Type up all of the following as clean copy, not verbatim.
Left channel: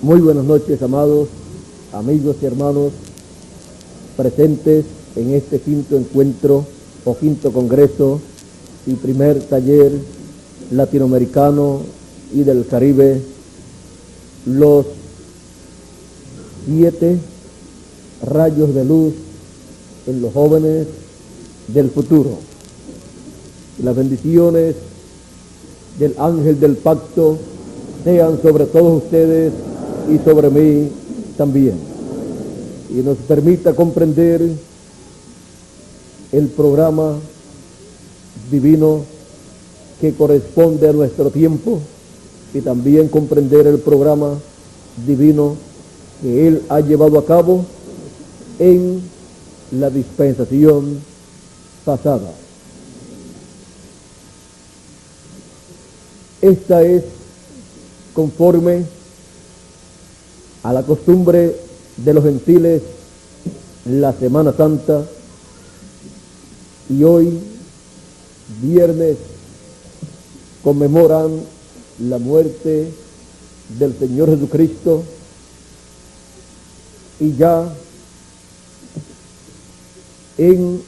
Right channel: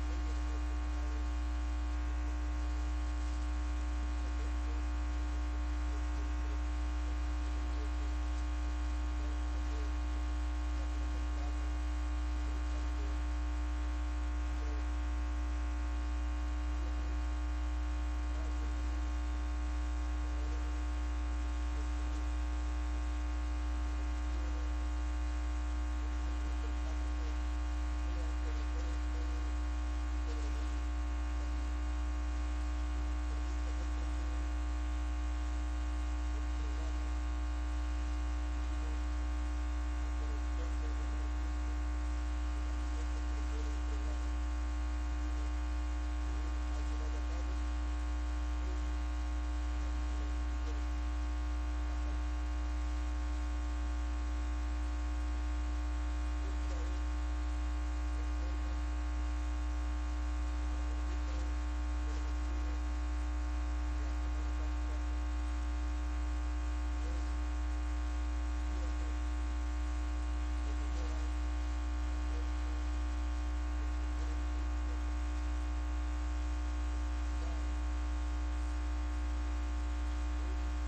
Muy buenas noches, amados amigos y hermanos presentes en este quinto encuentro o quinto congreso y primer taller latinoamericano y del Caribe, los 7 rayos de luz en los jóvenes del futuro. Las bendiciones del ángel del pacto sean sobre todos ustedes y sobre mí también, y nos permita comprender el programa divino que corresponde a nuestro tiempo y también comprender el programa divino que Él ha llevado a cabo en la dispensación pasada. Esta es conforme a la costumbre de los gentiles la Semana Santa, y hoy, viernes, conmemoran la muerte del Señor Jesucristo, y ya en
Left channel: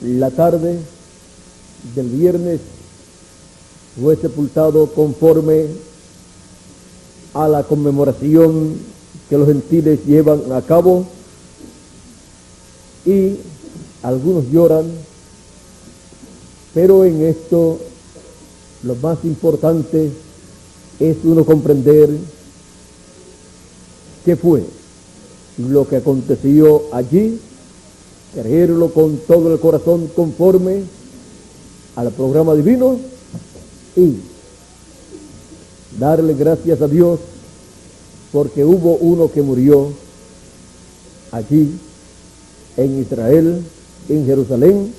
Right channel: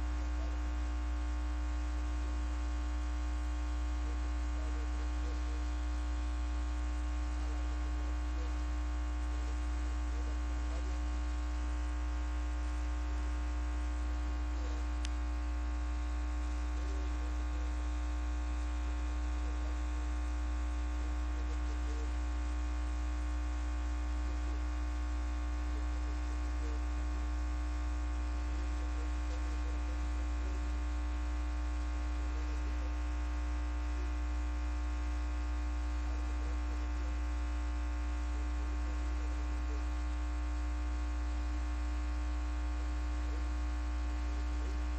la tarde del viernes fue sepultado conforme a la conmemoración que los gentiles llevan a cabo, y algunos lloran, pero en esto lo más importante es uno comprender qué fue lo que aconteció allí, creerlo con todo el corazón conforme al programa divino y darle gracias a Dios porque hubo uno que murió allí en Israel, en Jerusalén,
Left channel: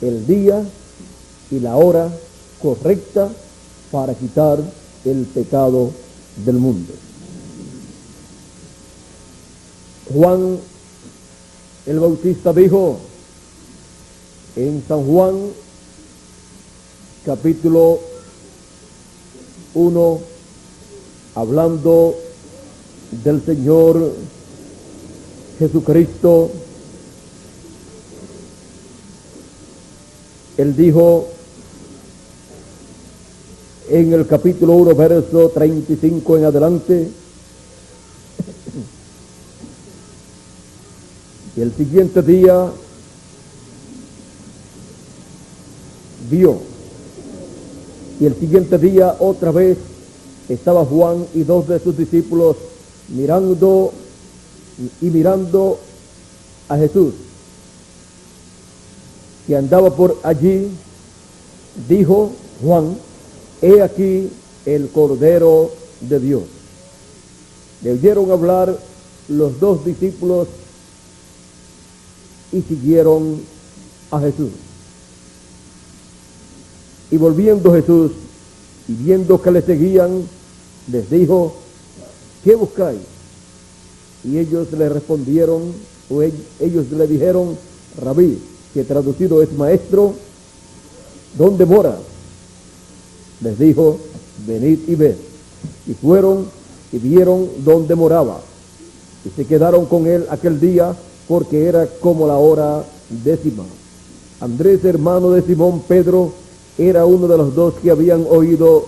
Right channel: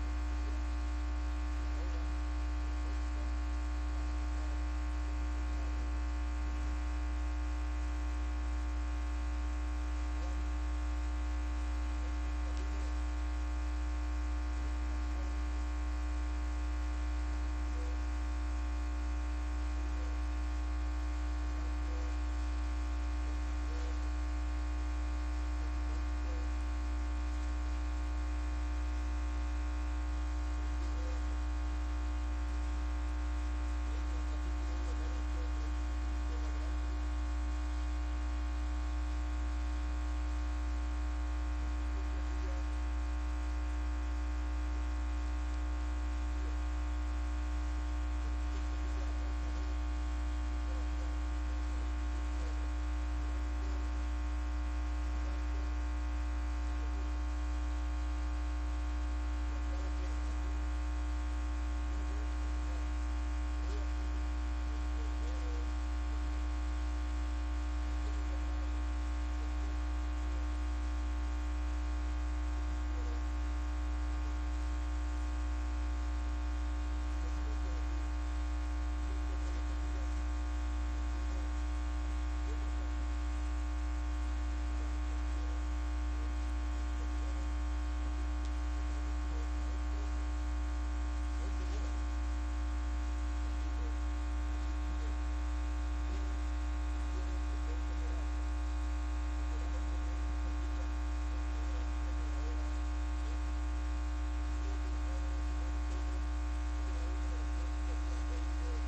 el día y la hora correcta para quitar el pecado del mundo. Juan el Bautista dijo en San Juan capítulo 1, hablando del Señor Jesucristo, Él dijo en el capítulo 1, verso 35 en adelante, y el siguiente día vio, y el siguiente día otra vez estaba Juan y 2 de sus discípulos mirando a Jesús, que andaba por allí. Dijo Juan: he aquí el Cordero de Dios. Le oyeron hablar los 2 discípulos y siguieron a Jesús. Y volviendo Jesús y viendo que le seguían, les dijo: ¿qué buscáis? Y ellos le respondieron, ellos le dijeron: Rabí, que traducido es maestro, ¿dónde moras? Les dijo: venid y ved. Y fueron y vieron dónde moraba, y se quedaron con él aquel día, porque era como la hora 10. Andrés, hermano de Simón Pedro, era uno de los 2 que habían oído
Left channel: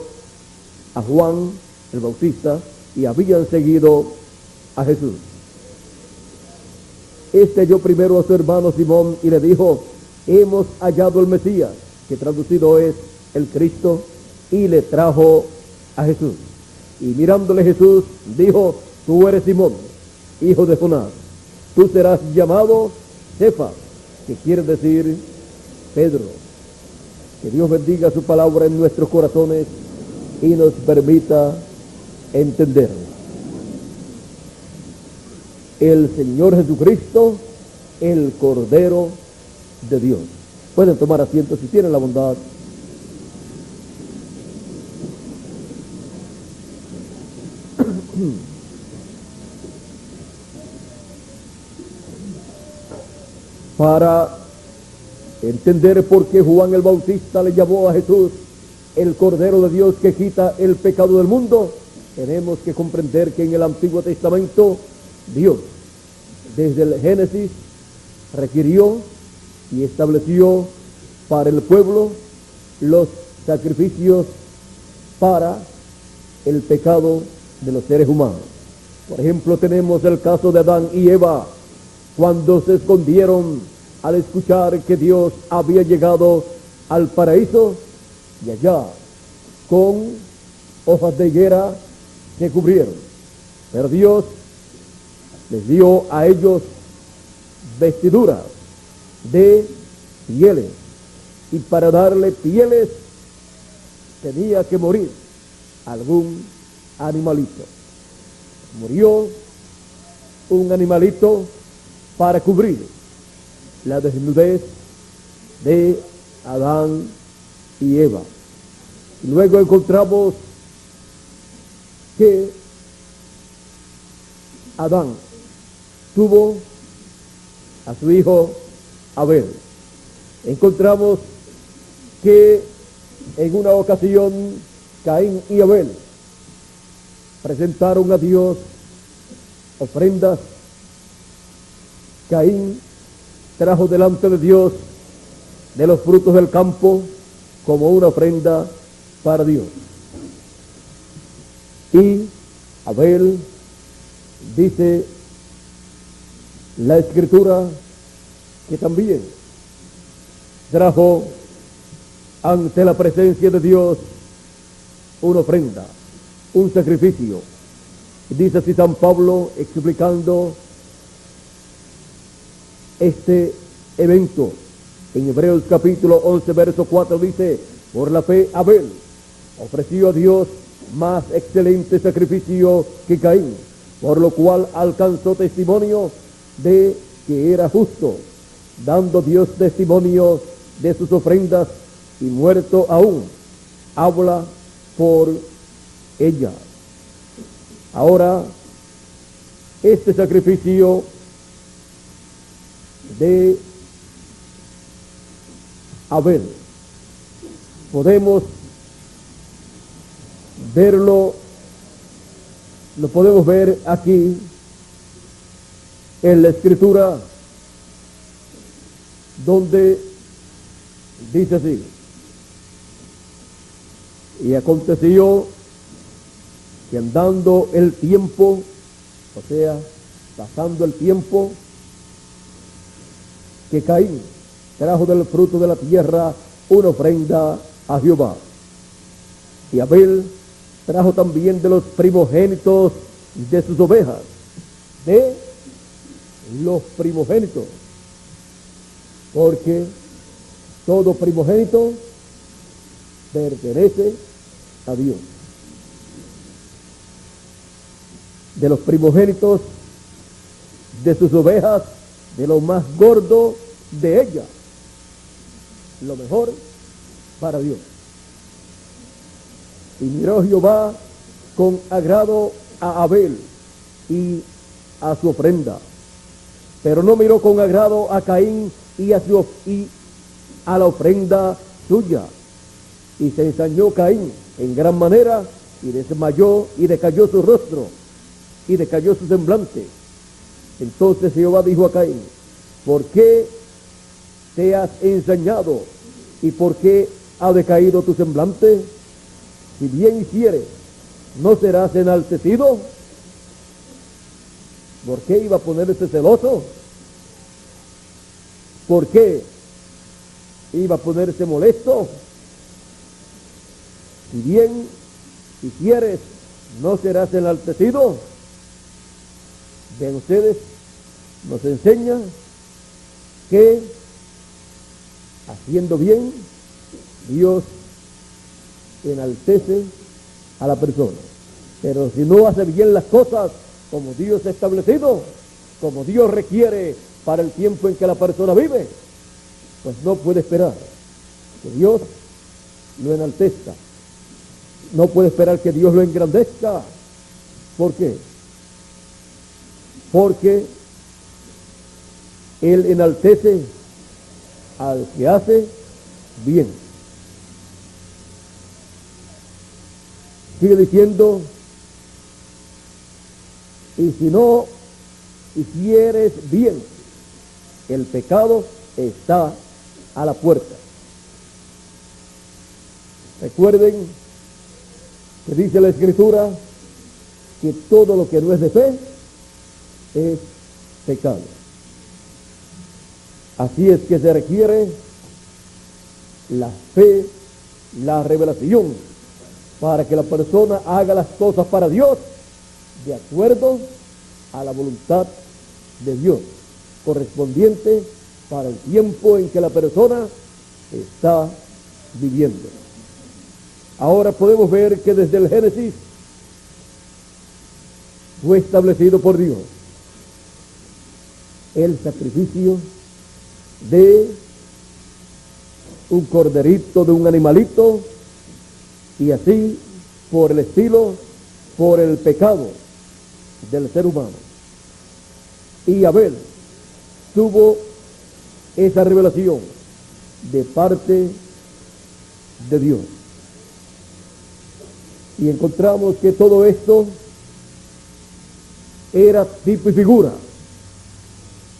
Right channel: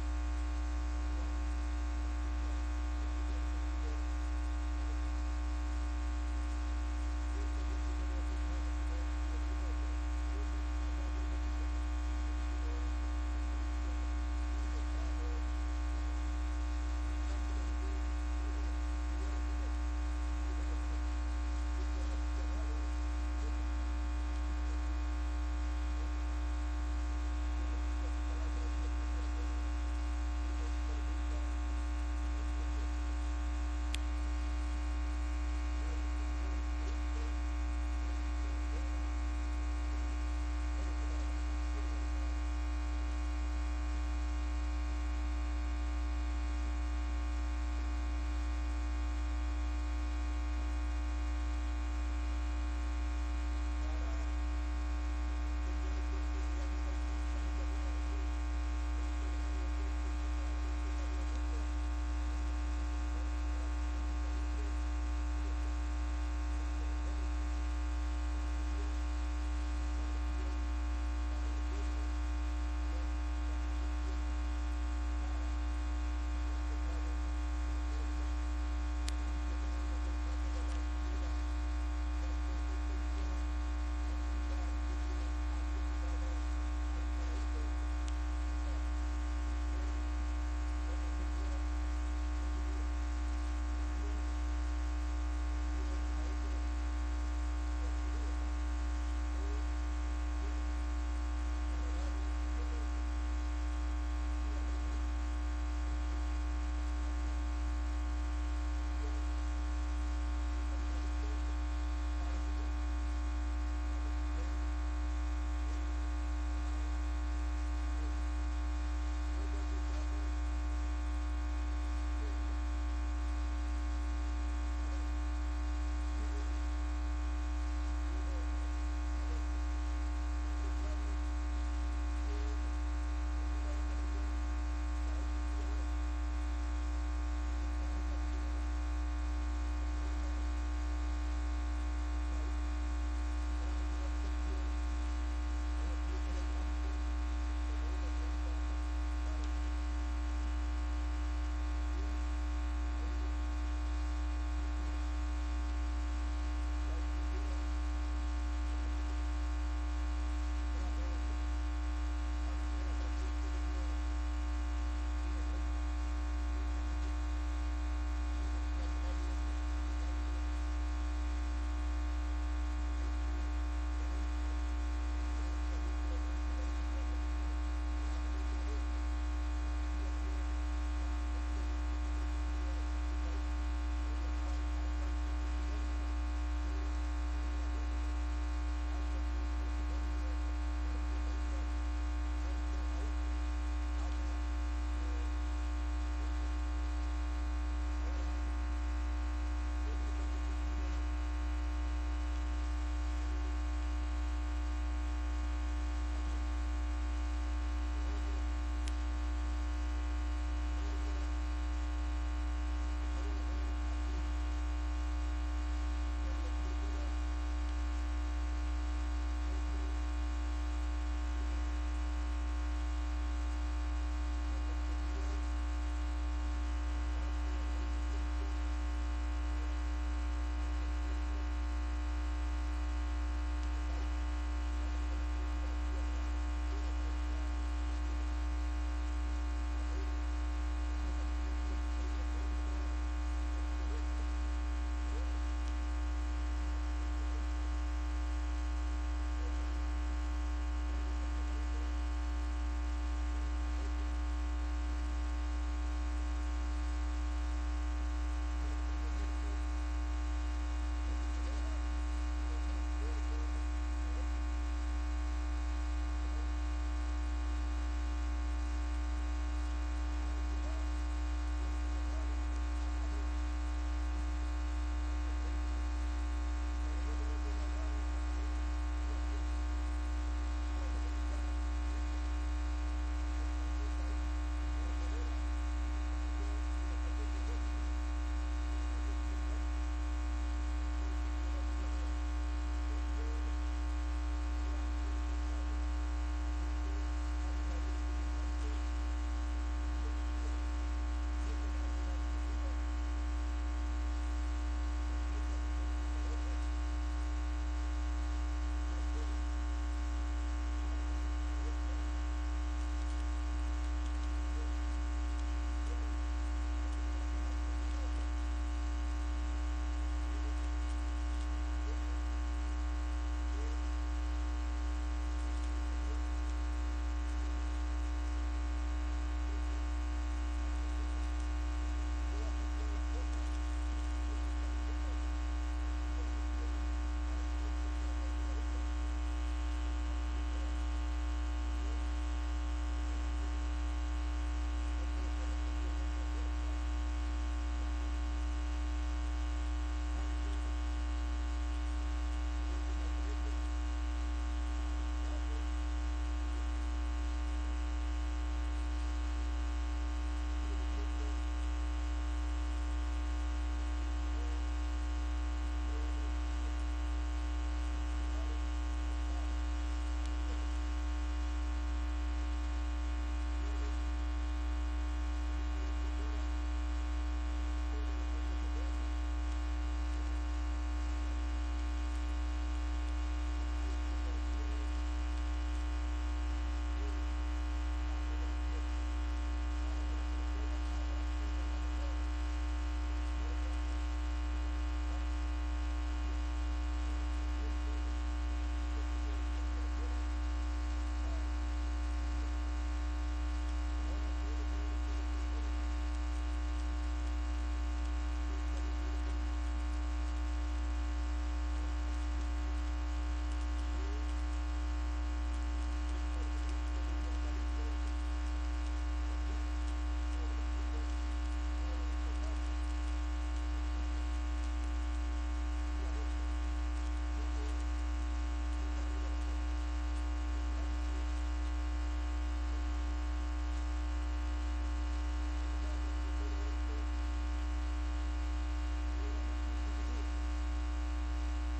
a Juan el Bautista y habían seguido a Jesús. Este halló primero a su hermano Simón y le dijo: hemos hallado el Mesías, que traducido es el Cristo, y le trajo a Jesús. Y mirándole Jesús dijo: tú eres Simón, hijo de Jonás, tú serás llamado Cefas, que quiere decir Pedro. Que Dios bendiga su palabra en nuestros corazones y nos permita entender. El Señor Jesucristo, el Cordero de Dios. Pueden tomar asiento si tienen la bondad. Para entender por qué Juan el Bautista le llamó a Jesús el Cordero de Dios que quita el pecado del mundo, tenemos que comprender que en el Antiguo Testamento Dios, desde el Génesis, requirió y estableció para el pueblo los sacrificios para el pecado de los seres humanos. Por ejemplo, tenemos el caso de Adán y Eva, cuando se escondieron al escuchar que Dios había llegado al paraíso, y allá con hojas de higuera se cubrieron. Pero Dios les dio a ellos vestiduras de pieles, y para darle pieles tenía que morir algún animalito. Murió un animalito para cubrir la desnudez de Adán y Eva. Y luego encontramos que Adán tuvo a su hijo Abel. Encontramos que en una ocasión Caín y Abel presentaron a Dios ofrendas. Caín trajo delante de Dios de los frutos del campo como una ofrenda para Dios. Y Abel, dice la Escritura, que también trajo ante la presencia de Dios una ofrenda, un sacrificio. Dice así San Pablo, explicando este evento en Hebreos capítulo 11 verso 4, dice: por la fe Abel ofreció a Dios más excelente sacrificio que Caín, por lo cual alcanzó testimonio de que era justo, dando Dios testimonio de sus ofrendas, y muerto aún habla por ella. Ahora, este sacrificio de Abel podemos verlo, lo podemos ver aquí en la Escritura, donde dice así: y aconteció que andando el tiempo, o sea, pasando el tiempo, que Caín trajo del fruto de la tierra una ofrenda a Jehová, y Abel trajo también de los primogénitos de sus ovejas, de los primogénitos, porque todo primogénito pertenece a Dios. De los primogénitos de sus ovejas, de lo más gordo de ellas, lo mejor para Dios. Y miró Jehová con agrado a Abel y a su ofrenda, pero no miró con agrado a Caín y a la ofrenda suya. Y se ensañó Caín en gran manera, y desmayó y decayó su rostro, y decayó su semblante. Entonces Jehová dijo a Caín: ¿por qué te has ensañado y por qué ha decaído tu semblante? Si bien hicieres, ¿no serás enaltecido? ¿Por qué iba a ponerse celoso? ¿Por qué iba a ponerse molesto? Si bien hicieres, ¿no serás enaltecido? Vean ustedes, nos enseñan que haciendo bien, Dios enaltece a la persona. Pero si no hace bien las cosas como Dios ha establecido, como Dios requiere para el tiempo en que la persona vive, pues no puede esperar que Dios lo enaltezca. No puede esperar que Dios lo engrandezca. ¿Por qué? Porque Él enaltece al que hace bien. Sigue diciendo Y si no hicieres bien, el pecado está a la puerta. Recuerden que dice la Escritura que todo lo que no es de fe es pecado. Así es que se requiere la fe, la revelación, para que la persona haga las cosas para Dios de acuerdo a la voluntad de Dios, correspondiente para el tiempo en que la persona está viviendo. Ahora podemos ver que desde el Génesis fue establecido por Dios el sacrificio de un corderito, de un animalito, y así por el estilo, por el pecado del ser humano. Y Abel tuvo esa revelación de parte de Dios. Y encontramos que todo esto era tipo y figura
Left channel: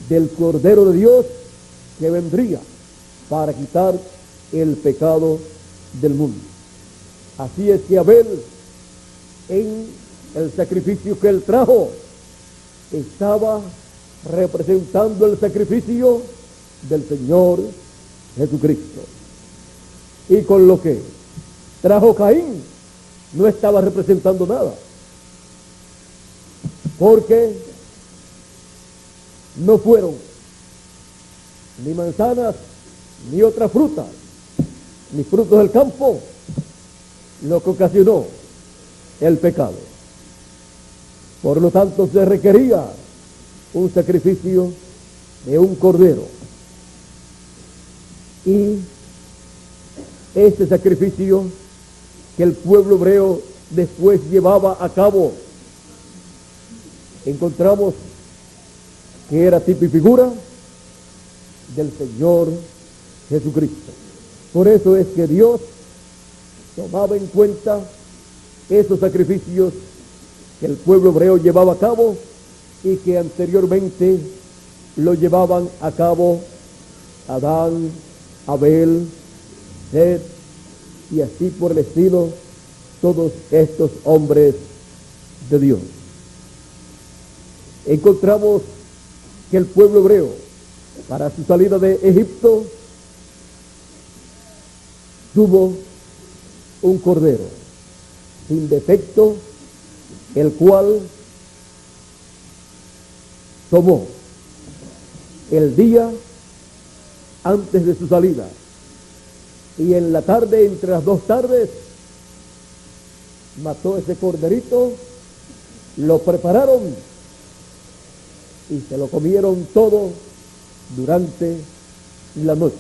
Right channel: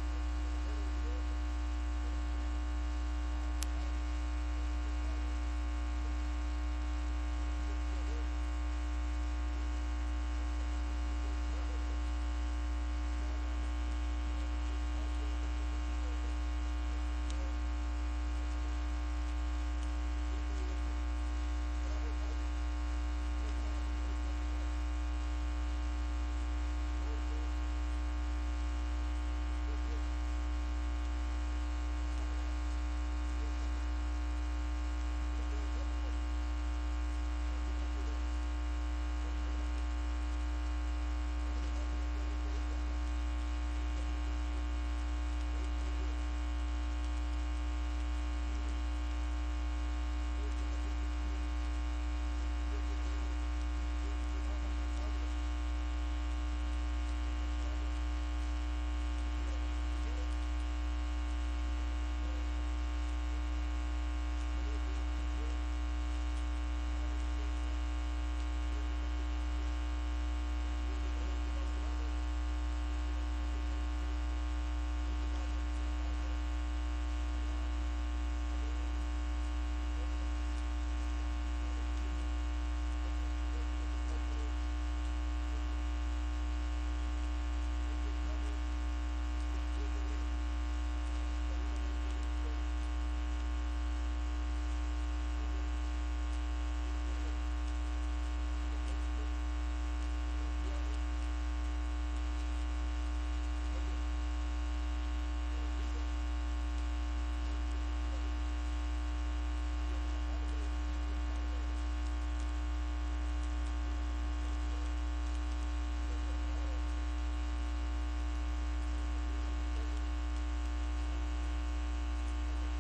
del Cordero de Dios que vendría para quitar el pecado del mundo. Así es que Abel, en el sacrificio que él trajo, estaba representando el sacrificio del Señor Jesucristo. Y con lo que trajo Caín, no estaba representando nada, porque no fueron ni manzanas, ni otra fruta, ni frutos del campo, lo que ocasionó el pecado. Por lo tanto, se requería un sacrificio de un cordero. Y este sacrificio que el pueblo hebreo después llevaba a cabo, encontramos que era tipo y figura del Señor Jesucristo. Por eso es que Dios tomaba en cuenta esos sacrificios que el pueblo hebreo llevaba a cabo y que anteriormente lo llevaban a cabo Adán, Abel, Seth, y así por el estilo, todos estos hombres de Dios. Encontramos que el pueblo hebreo, para su salida de Egipto, tuvo un cordero sin defecto, el cual tomó el día antes de su salida, y en la tarde, entre las dos tardes, mató ese corderito, lo prepararon y se lo comieron todo durante la noche.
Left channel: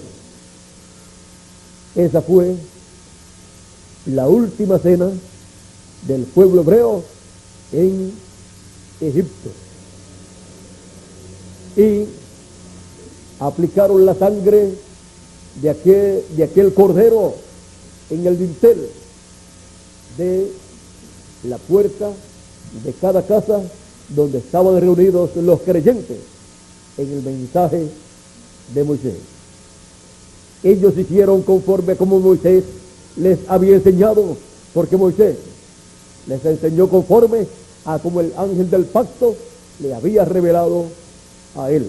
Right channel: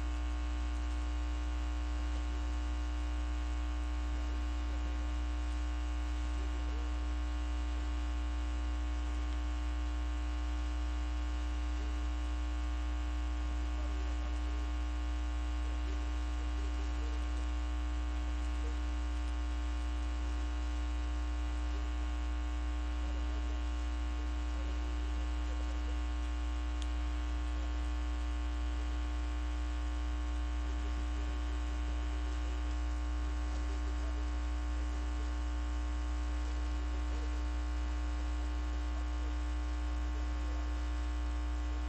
Esa fue la última cena del pueblo hebreo en Egipto. Y aplicaron la sangre de aquel cordero en el dintel de la puerta de cada casa donde estaban reunidos los creyentes en el mensaje de Moisés. Ellos hicieron conforme como Moisés les había enseñado, porque Moisés les enseñó conforme a como el ángel del pacto le había revelado a él.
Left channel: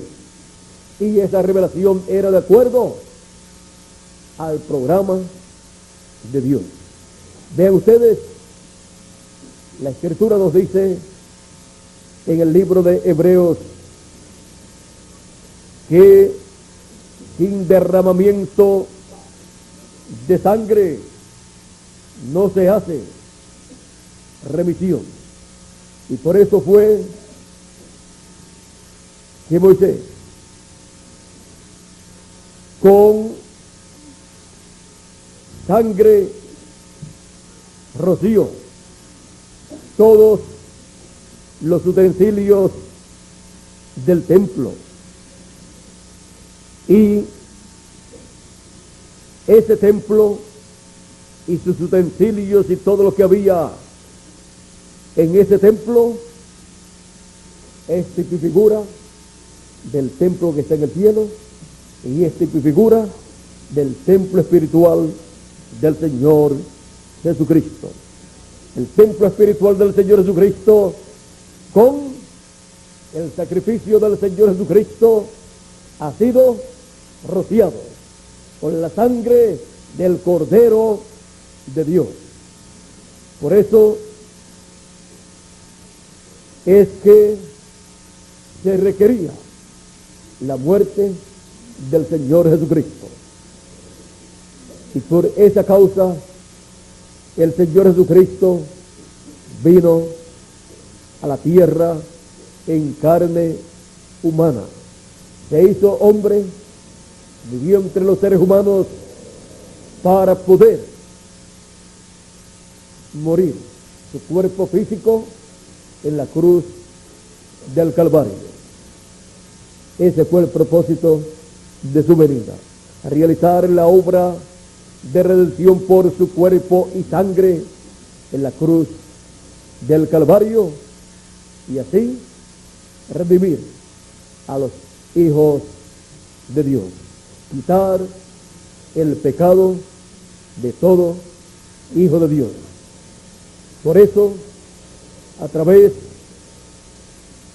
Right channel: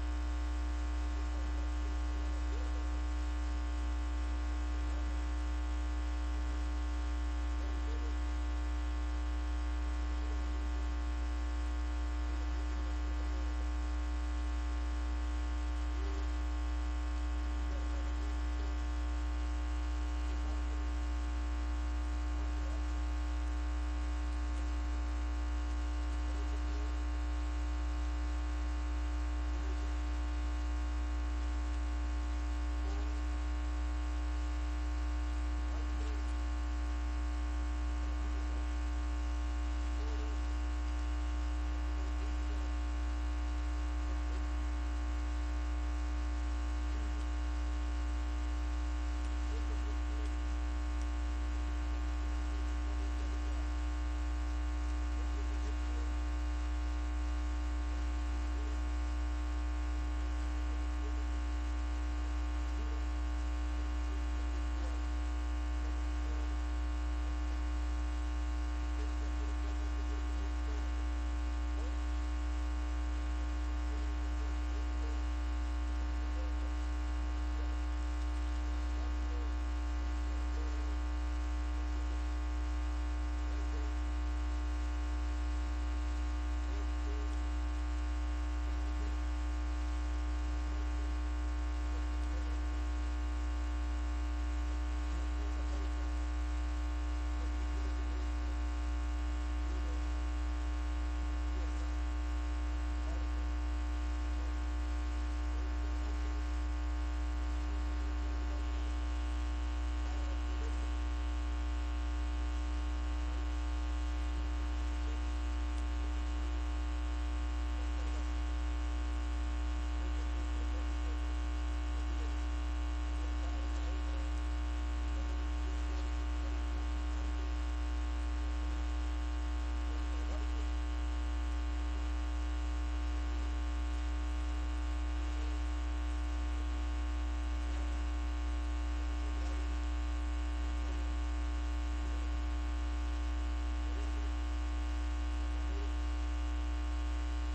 Y esa revelación era de acuerdo al programa de Dios. Vean ustedes, la Escritura nos dice en el libro de Hebreos que sin derramamiento de sangre no se hace remisión. Y por eso fue que Moisés, con sangre, roció todos los utensilios del templo, y ese templo y sus utensilios y todo lo que había en ese templo es tipo y figura del templo que está en el cielo y es tipo y figura del templo espiritual del Señor Jesucristo. El templo espiritual del Señor Jesucristo, con el sacrificio del Señor Jesucristo, ha sido rociado con la sangre del Cordero de Dios. Por eso es que se requería la muerte del Señor Jesucristo. Y por esa causa el Señor Jesucristo vino a la tierra en carne humana. Se hizo hombre, vivió entre los seres humanos para poder morir su cuerpo físico en la cruz del Calvario. Ese fue el propósito de su venida, realizar la obra de redención por su cuerpo y sangre en la cruz del Calvario y así redimir a los hijos de Dios, quitar el pecado de todo hijo de Dios. Por eso, a través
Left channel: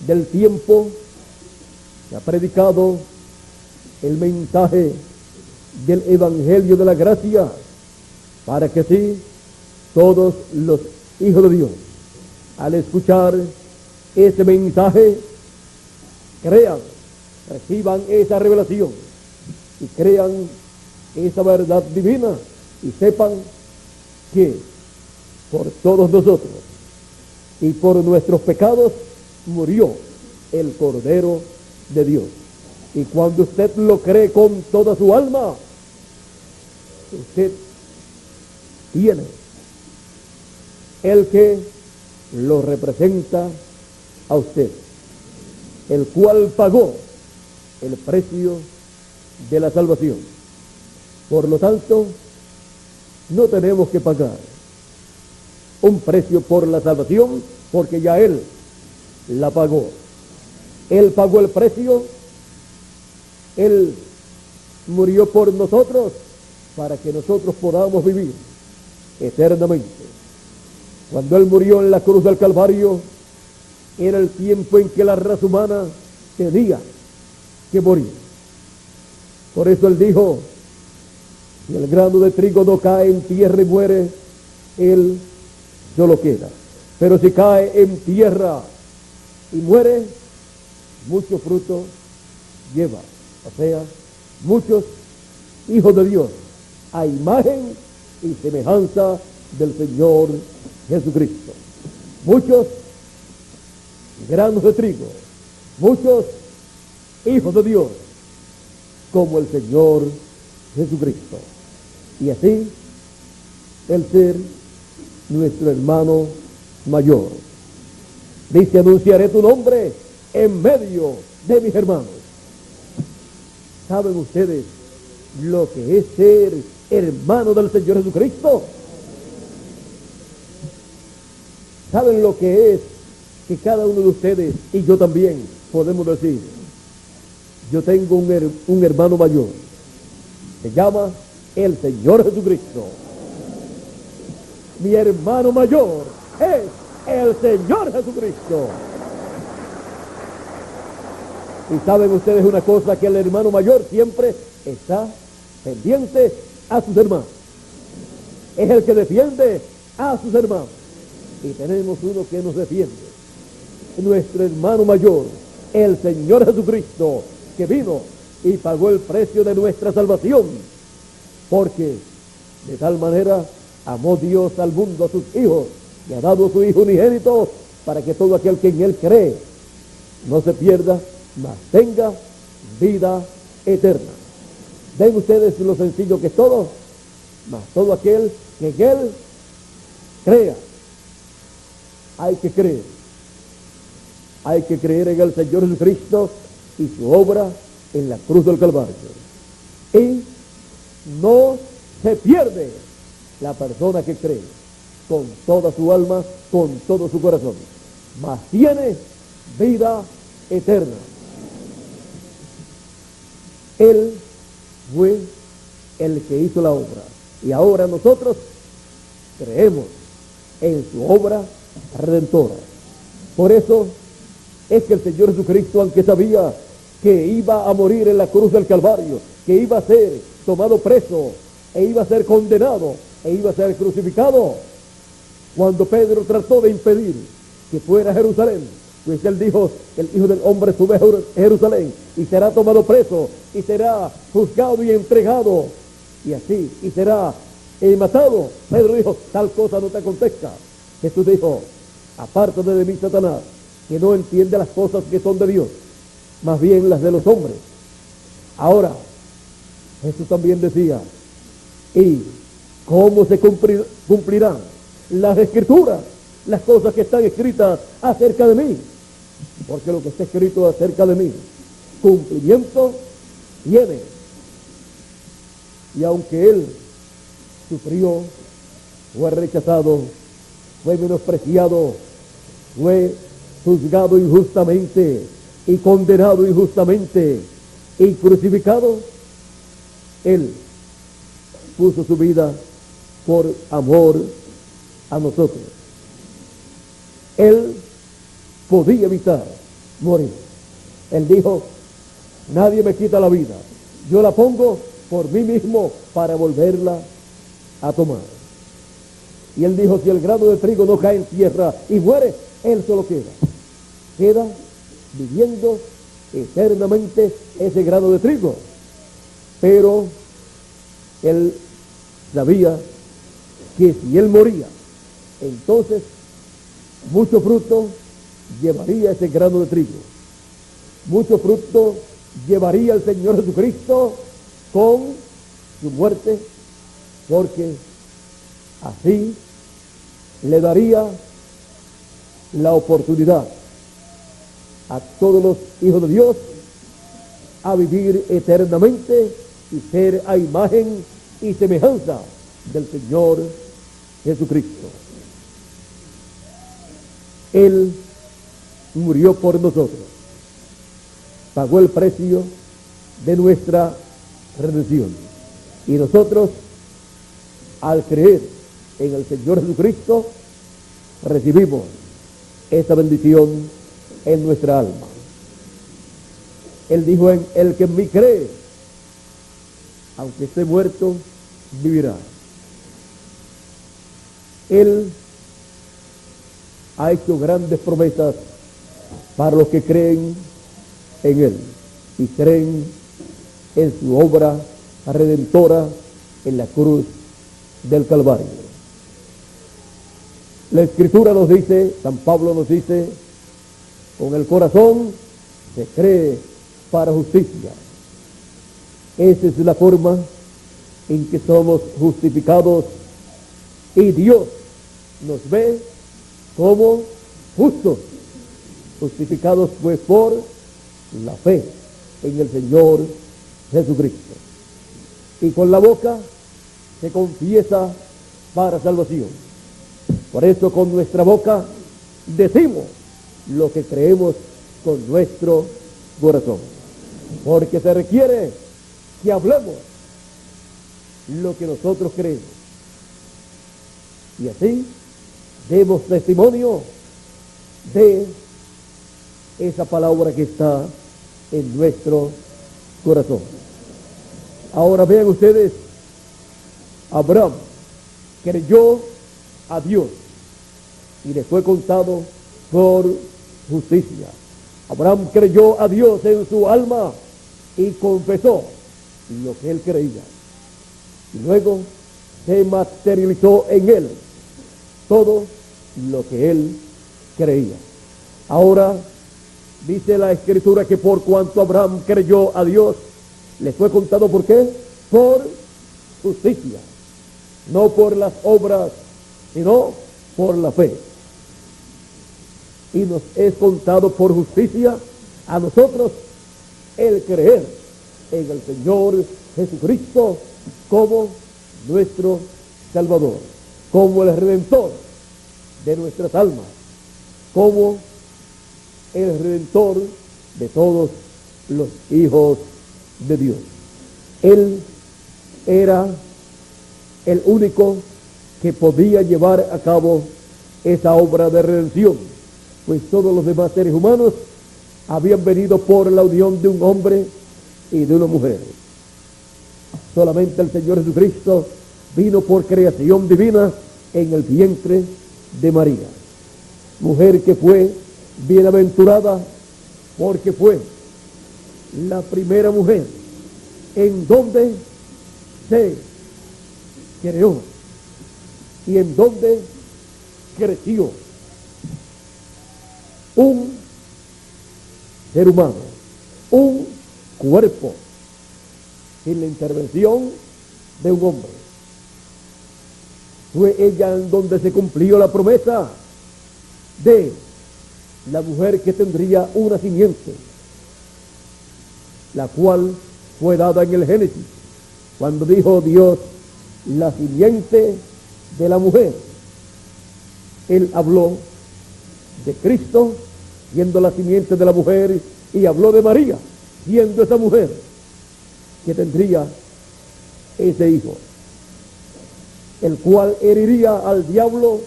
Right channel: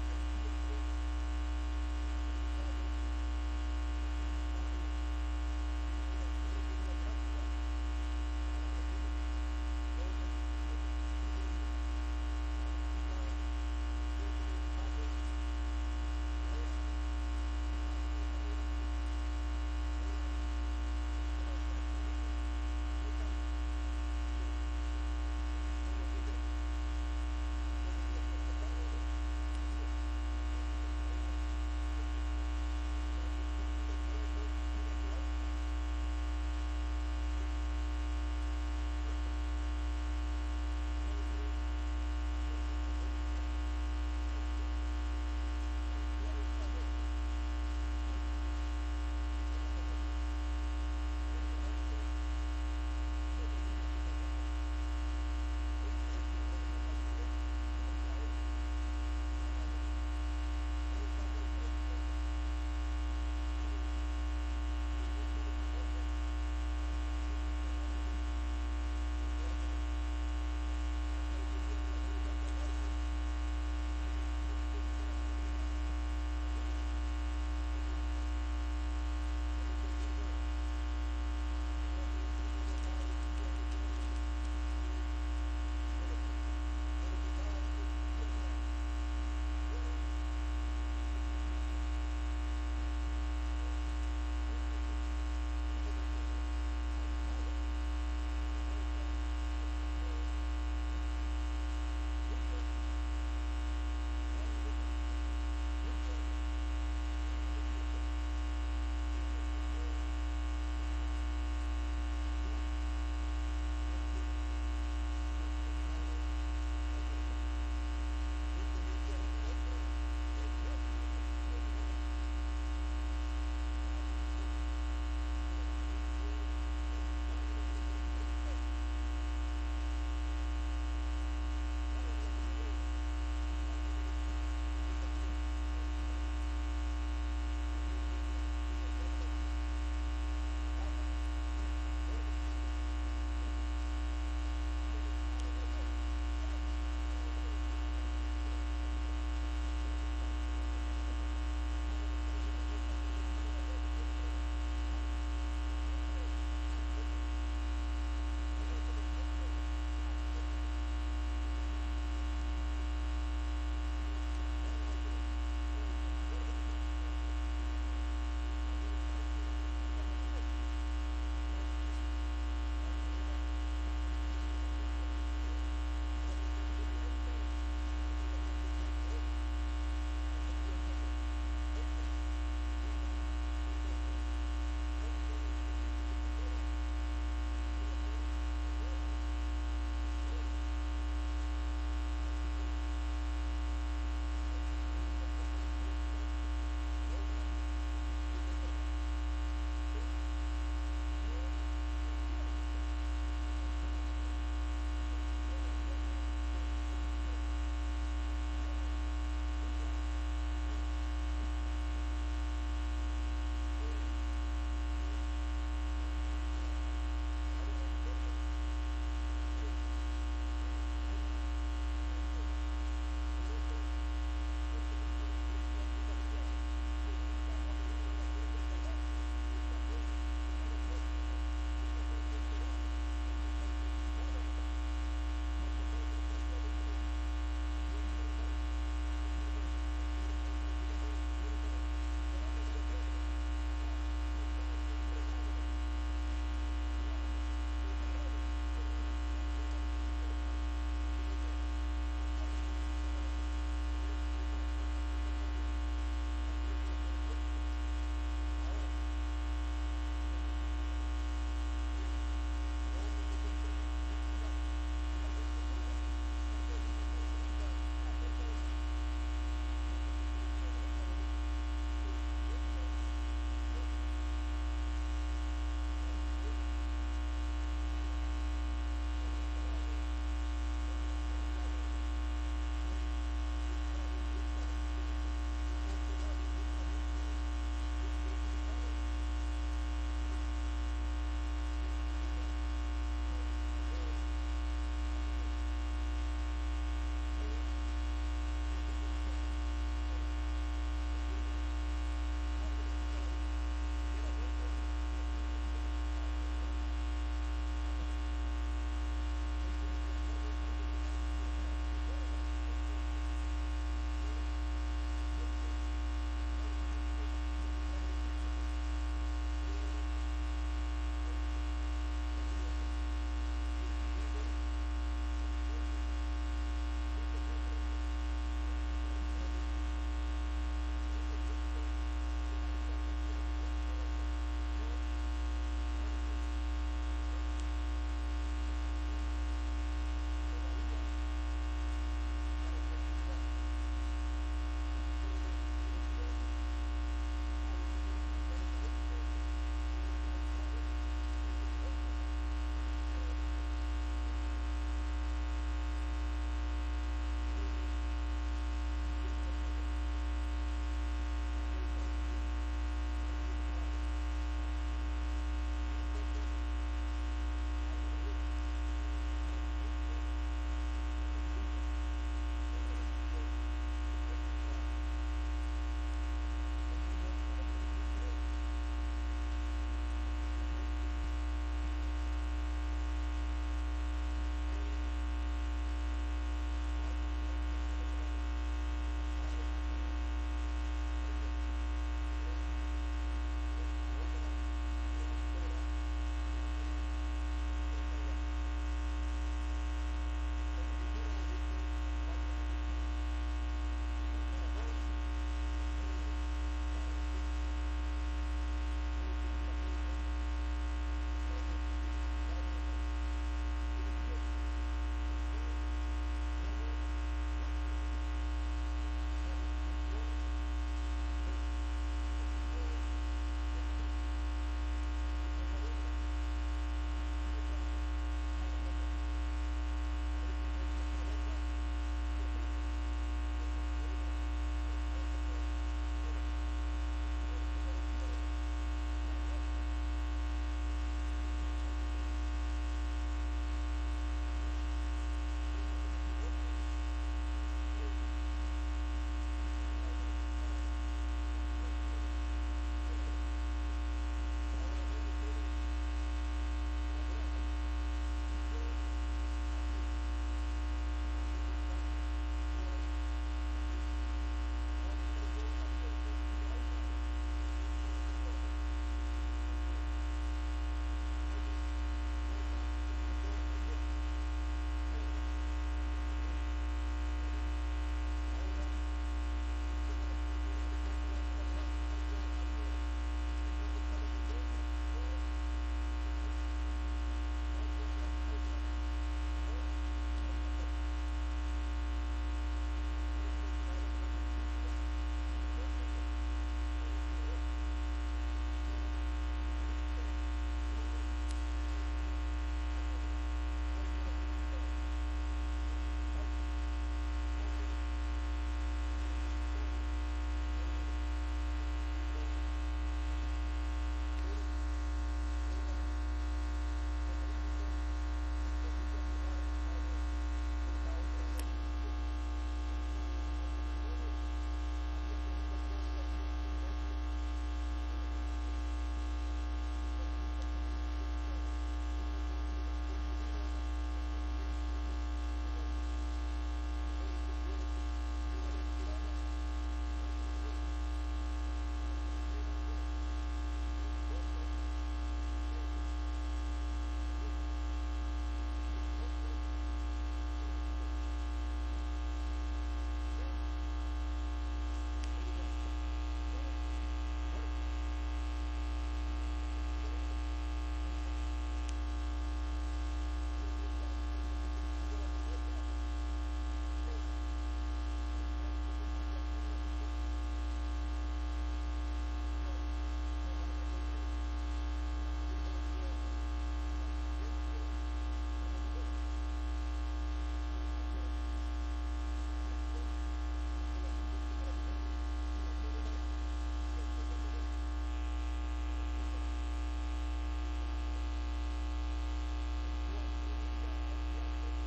del tiempo, se ha predicado el mensaje del Evangelio de la Gracia, para que así todos los hijos de Dios, al escuchar ese mensaje, crean, reciban esa revelación y crean esa verdad divina y sepan que por todos nosotros y por nuestros pecados murió el Cordero de Dios. Y cuando usted lo cree con toda su alma, usted tiene el que lo representa a usted, el cual pagó el precio de la salvación. Por lo tanto, no tenemos que pagar un precio por la salvación, porque ya Él la pagó. Él pagó el precio, Él murió por nosotros para que nosotros podamos vivir eternamente. Cuando Él murió en la cruz del Calvario, era el tiempo en que la raza humana tenía que morir. Por eso Él dijo: si el grano de trigo no cae en tierra y muere, él solo queda. Pero si cae en tierra y muere, mucho fruto lleva. O sea, muchos hijos de Dios, a imagen y semejanza del Señor Jesucristo. Muchos granos de trigo, muchos hijos de Dios, como el Señor Jesucristo. Y así, el ser nuestro hermano mayor. Dice: anunciaré tu nombre en medio de mis hermanos. ¿Saben ustedes lo que es ser hermano del Señor Jesucristo? ¿Saben lo que es que cada uno de ustedes y yo también podemos decir: yo tengo un hermano mayor, se llama el Señor Jesucristo? Mi hermano mayor es el Señor Jesucristo. Y saben ustedes una cosa, que el hermano mayor siempre está pendiente a sus hermanos. Es el que defiende a sus hermanos. Y tenemos uno que nos defiende, nuestro hermano mayor, el Señor Jesucristo, que vino y pagó el precio de nuestra salvación, porque de tal manera amó Dios al mundo, a sus hijos, y ha dado a su Hijo unigénito, para que todo aquel que en Él cree no se pierda, mas tenga vida eterna. Ven ustedes lo sencillo que es todo, mas todo aquel que en Él crea. Hay que creer. Hay que creer en el Señor Jesucristo y su obra en la cruz del Calvario. Y no se pierde la persona que cree con toda su alma, con todo su corazón, mas tiene vida eterna. Él fue el que hizo la obra. Y ahora nosotros creemos en su obra redentora. Por eso es que el Señor Jesucristo, aunque sabía que iba a morir en la cruz del Calvario, que iba a ser tomado preso, e iba a ser condenado, e iba a ser crucificado, cuando Pedro trató de impedir que fuera a Jerusalén, pues él dijo: el Hijo del Hombre sube a Jerusalén y será tomado preso y será juzgado y entregado y así, y será matado. Pedro dijo: tal cosa no te acontezca. Jesús dijo: apártate de mí, Satanás, que no entiende las cosas que son de Dios, más bien las de los hombres. Ahora, Jesús también decía: ¿y cómo se cumplirán las escrituras, las cosas que están escritas acerca de mí? Porque lo que está escrito acerca de mí, cumplimiento tiene. Y aunque él sufrió, fue rechazado, fue menospreciado, fue juzgado injustamente y condenado injustamente y crucificado, él puso su vida por amor a nosotros. Él podía evitar morir. Él dijo: nadie me quita la vida, yo la pongo por mí mismo para volverla a tomar. Y él dijo: si el grano de trigo no cae en tierra y muere, él solo queda viviendo eternamente ese grano de trigo. Pero él sabía que si él moría, entonces mucho fruto llevaría ese grano de trigo. Mucho fruto llevaría el Señor Jesucristo con su muerte, porque así le daría la oportunidad a todos los hijos de Dios a vivir eternamente y ser a imagen y semejanza del Señor Jesucristo. Él murió por nosotros, pagó el precio de nuestra redención, y nosotros, al creer en el Señor Jesucristo, recibimos esa bendición en nuestra alma. Él dijo: en el que en mí cree, aunque esté muerto, vivirá. Él ha hecho grandes promesas para los que creen en Él y creen en su obra redentora en la cruz del Calvario. La Escritura nos dice, San Pablo nos dice: con el corazón se cree para justicia. Esa es la forma en que somos justificados, y Dios nos ve como justos, justificados pues por la fe en el Señor Jesucristo. Y con la boca se confiesa para salvación. Por eso con nuestra boca decimos lo que creemos con nuestro corazón, porque se requiere que hablemos lo que nosotros creemos, y así demos testimonio de esa palabra que está en nuestro corazón. Ahora vean ustedes: Abraham creyó a Dios y le fue contado por justicia. Abraham creyó a Dios en su alma y confesó lo que él creía, y luego se materializó en él todo lo que él creía. Ahora dice la Escritura que por cuanto Abraham creyó a Dios, le fue contado, ¿por qué? Por justicia, no por las obras, sino por la fe. Y nos es contado por justicia a nosotros el creer en el Señor Jesucristo como nuestro Salvador, como el Redentor de nuestras almas, como el Redentor de todos los hijos de Dios. Él era el único que podía llevar a cabo esa obra de redención, pues todos los demás seres humanos habían venido por la unión de un hombre y de una mujer. Solamente el Señor Jesucristo vino por creación divina en el vientre de María, mujer que fue bienaventurada porque fue la primera mujer en donde se creó y en donde creció un ser humano, un cuerpo, sin la intervención de un hombre. Fue ella en donde se cumplió la promesa de la mujer que tendría una simiente, la cual fue dada en el Génesis, cuando dijo Dios, la simiente de la mujer. Él habló de Cristo siendo la simiente de la mujer y habló de María siendo esa mujer que tendría ese hijo, el cual heriría al diablo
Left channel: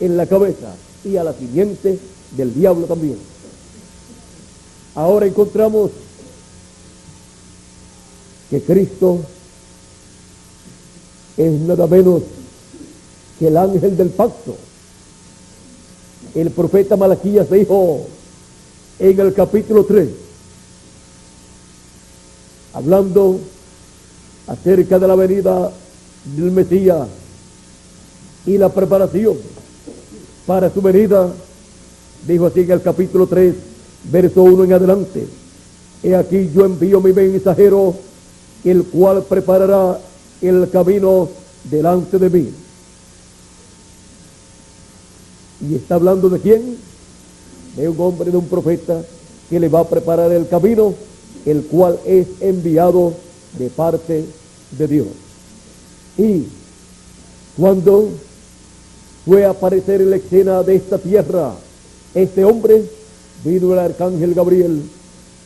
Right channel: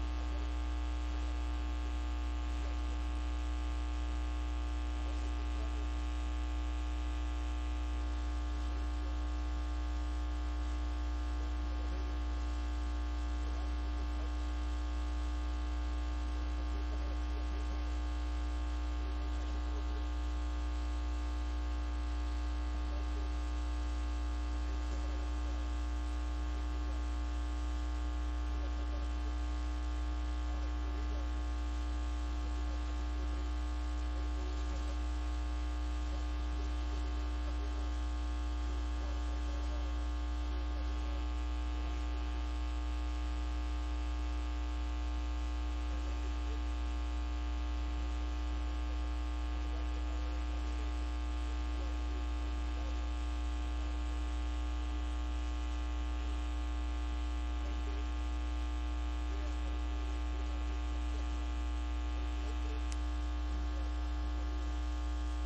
en la cabeza y a la simiente del diablo también. Ahora encontramos que Cristo es nada menos que el ángel del pacto. El profeta Malaquías dijo en el capítulo 3, hablando acerca de la venida del Mesías y la preparación para su venida, dijo así en el capítulo 3, verso 1 en adelante: he aquí yo envío mi mensajero, el cual preparará el camino delante de mí. ¿Y está hablando de quién? De un hombre, de un profeta que le va a preparar el camino, el cual es enviado de parte de Dios. Y cuando fue a aparecer en la escena de esta tierra este hombre, vino el arcángel Gabriel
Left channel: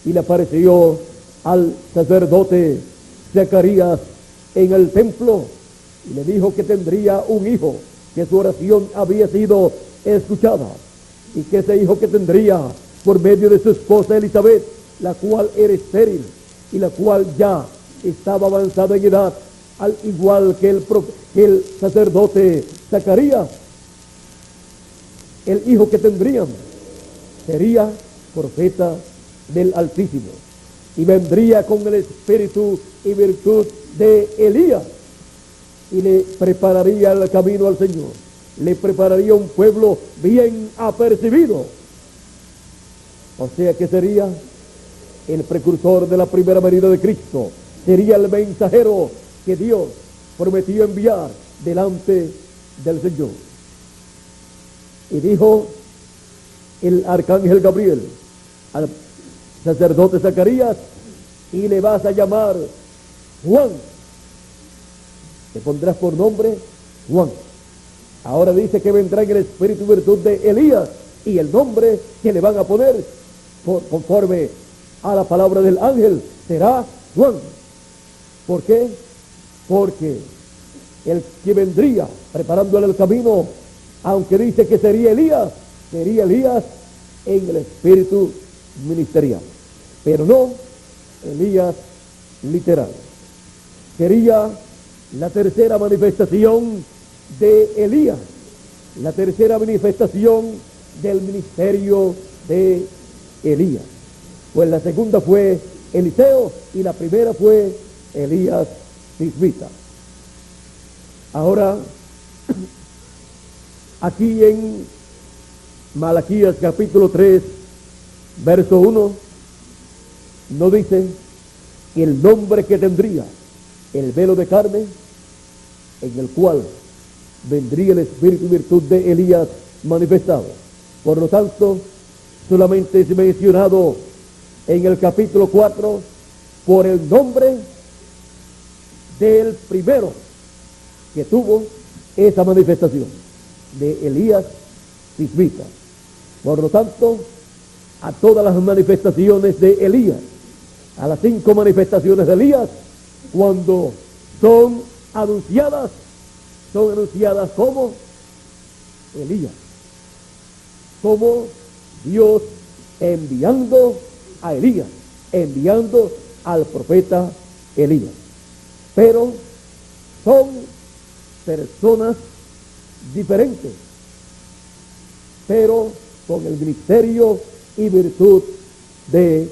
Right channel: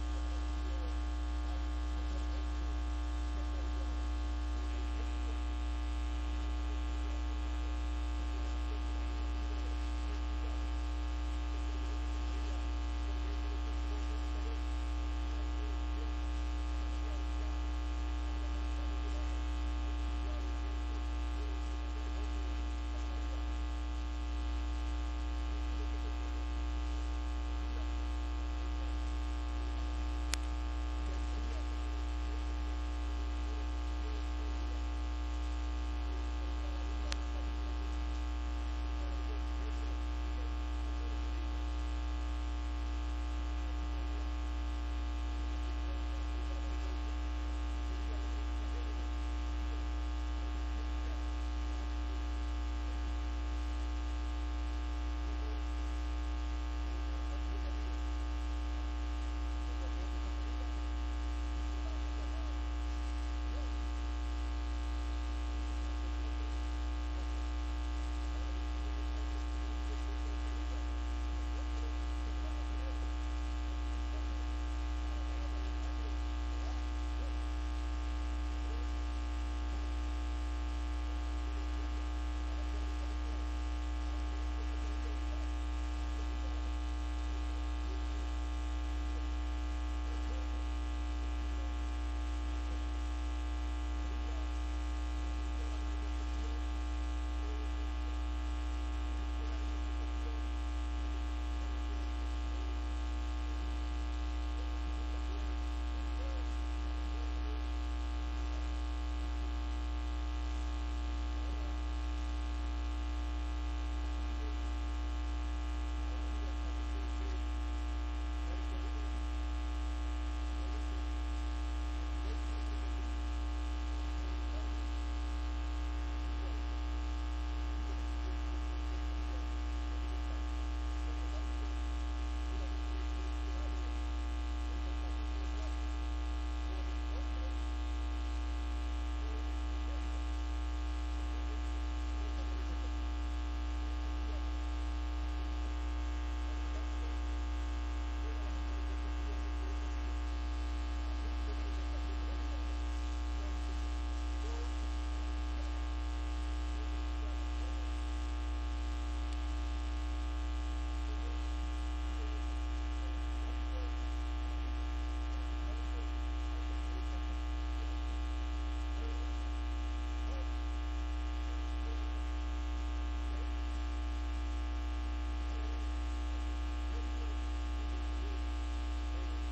y le apareció al sacerdote Zacarías en el templo y le dijo que tendría un hijo, que su oración había sido escuchada y que ese hijo que tendría por medio de su esposa Elizabeth, la cual era estéril y la cual ya estaba avanzada en edad, al igual que el sacerdote Zacarías, el hijo que tendrían sería profeta del Altísimo y vendría con el espíritu y virtud de Elías y le prepararía el camino al Señor, le prepararía un pueblo bien apercibido. O sea que sería el precursor de la primera venida de Cristo, sería el mensajero que Dios prometió enviar delante del Señor. Y dijo el arcángel Gabriel al sacerdote Zacarías: y le vas a llamar Juan, te pondrás por nombre Juan. Ahora dice que vendrá en el espíritu y virtud de Elías, y el nombre que le van a poner conforme a la palabra del ángel será Juan. ¿Por qué? Porque el que vendría preparándole el camino, aunque dice que sería Elías en el espíritu ministerial, pero no Elías literal. Sería la tercera manifestación de Elías, la tercera manifestación del ministerio de Elías. Pues la segunda fue Eliseo y la primera fue Elías Tisbita. Ahora, aquí en Malaquías capítulo 3, verso 1, no dice el nombre que tendría: el velo de carne, en el cual vendría el espíritu y virtud de Elías manifestado. Por lo tanto, solamente es mencionado en el capítulo 4 por el nombre del primero que tuvo esa manifestación, de Elías Tisbita. Por lo tanto, a todas las manifestaciones de Elías, a las 5 manifestaciones de Elías, cuando son anunciadas como Elías, como Dios enviando a Elías, enviando al profeta Elías. Pero son personas diferentes, pero con el ministerio y virtud de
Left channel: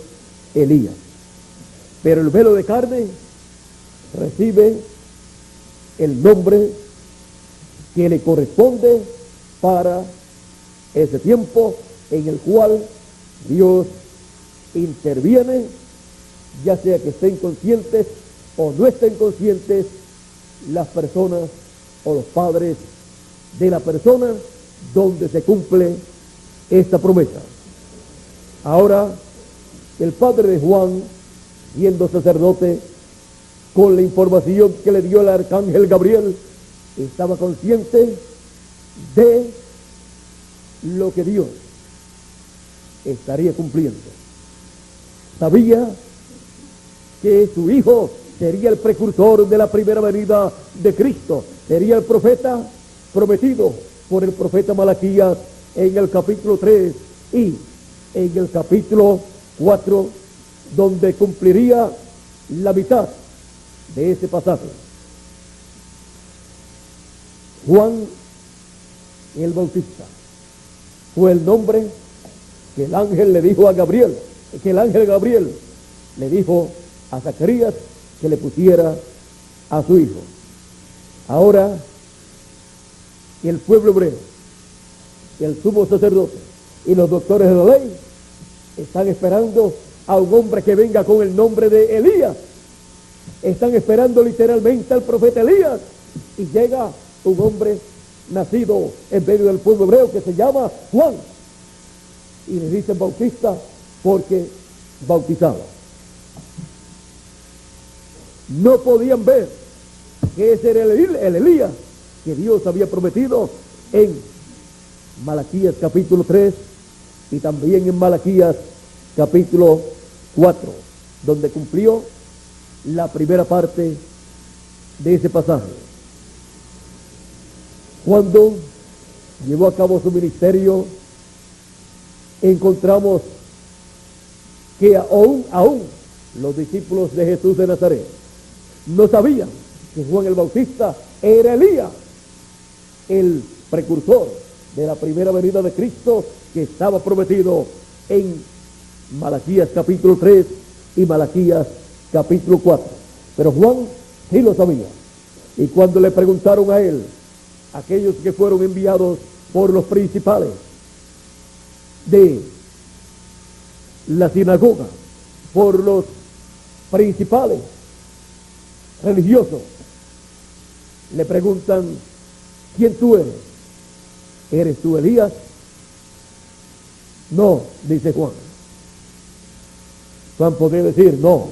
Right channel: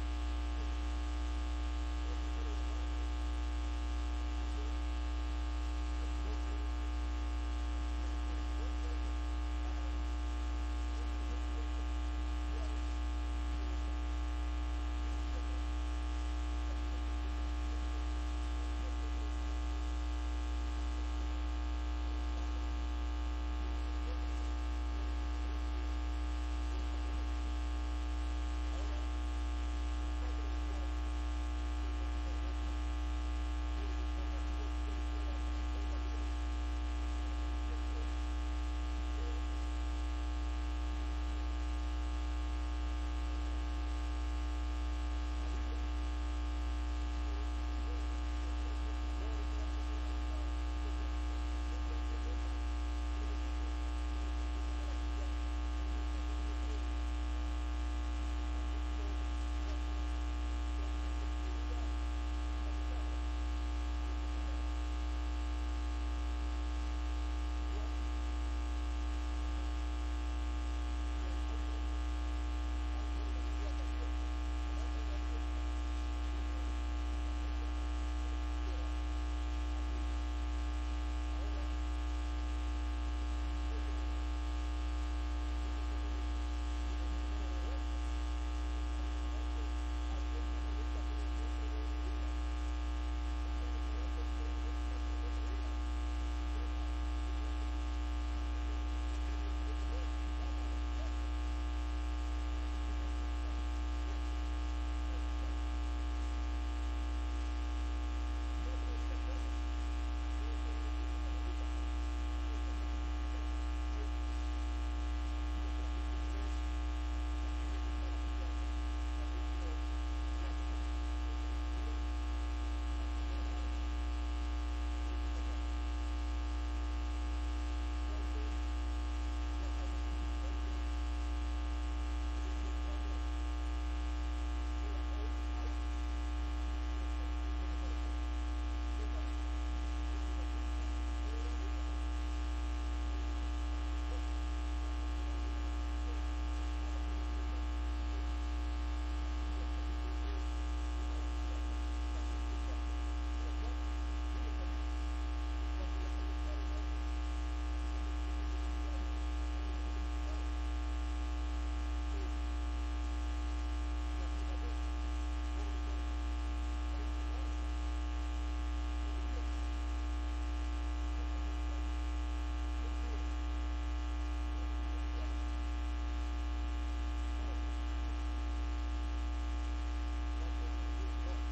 Elías. Pero el velo de carne recibe el nombre que le corresponde para ese tiempo en el cual Dios interviene, ya sea que estén conscientes o no estén conscientes las personas o los padres de la persona donde se cumple esta promesa. Ahora, el padre de Juan, siendo sacerdote, con la información que le dio el arcángel Gabriel, estaba consciente de lo que Dios estaría cumpliendo. Sabía que su hijo sería el precursor de la primera venida de Cristo, sería el profeta prometido por el profeta Malaquías en el capítulo 3 y en el capítulo 4, donde cumpliría la mitad de ese pasaje. Juan el Bautista fue el nombre que el ángel le dijo a Gabriel, que el ángel Gabriel le dijo a Zacarías que le pusiera a su hijo. Ahora, el pueblo hebreo, el sumo sacerdote y los doctores de la ley están esperando a un hombre que venga con el nombre de Elías. Están esperando literalmente al profeta Elías, y llega un hombre nacido en medio del pueblo hebreo que se llama Juan, y le dicen Bautista porque bautizaba. No podían ver que ese era el Elías que Dios había prometido en Malaquías capítulo 3 y también en Malaquías capítulo 4, donde cumplió la primera parte de ese pasaje. Cuando llevó a cabo su ministerio, encontramos que aún los discípulos de Jesús de Nazaret no sabían que Juan el Bautista era Elías, el precursor de la primera venida de Cristo que estaba prometido en Malaquías capítulo 3 y Malaquías capítulo 4. Pero Juan sí lo sabía. Y cuando le preguntaron a él, aquellos que fueron enviados por los principales de la sinagoga, por los principales religiosos, le preguntan: ¿quién tú eres? ¿Eres tú Elías? No, dice Juan. Juan podía decir: no,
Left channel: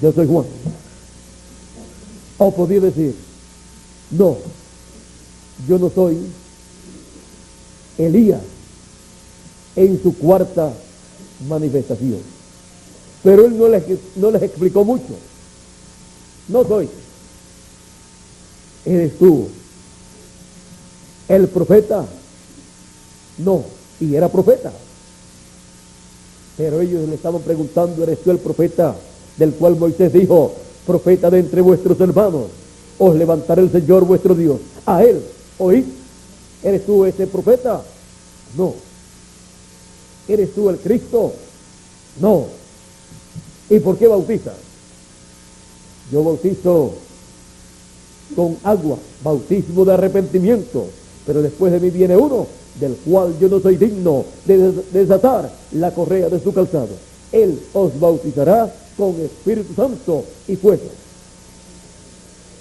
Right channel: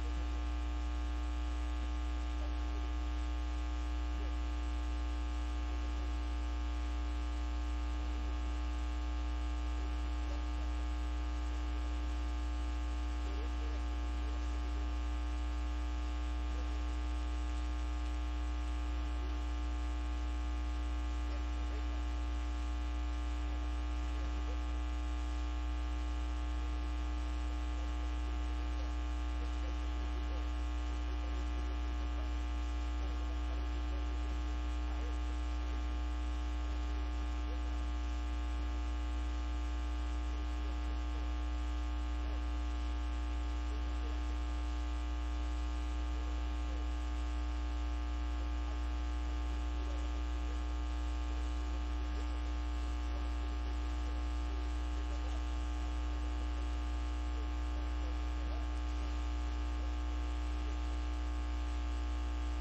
yo soy Juan. O podía decir: no, yo no soy Elías en su cuarta manifestación. Pero él no les explicó mucho. No soy. ¿Eres tú el profeta? No, y era profeta. Pero ellos le estaban preguntando: ¿eres tú el profeta del cual Moisés dijo: profeta de entre vuestros hermanos, os levantará el Señor vuestro Dios? A él oíd. ¿Eres tú ese profeta? No. ¿Eres tú el Cristo? No. ¿Y por qué bautizas? Yo bautizo con agua, bautismo de arrepentimiento, pero después de mí viene uno del cual yo no soy digno de desatar la correa de su calzado. Él os bautizará con Espíritu Santo y fuego.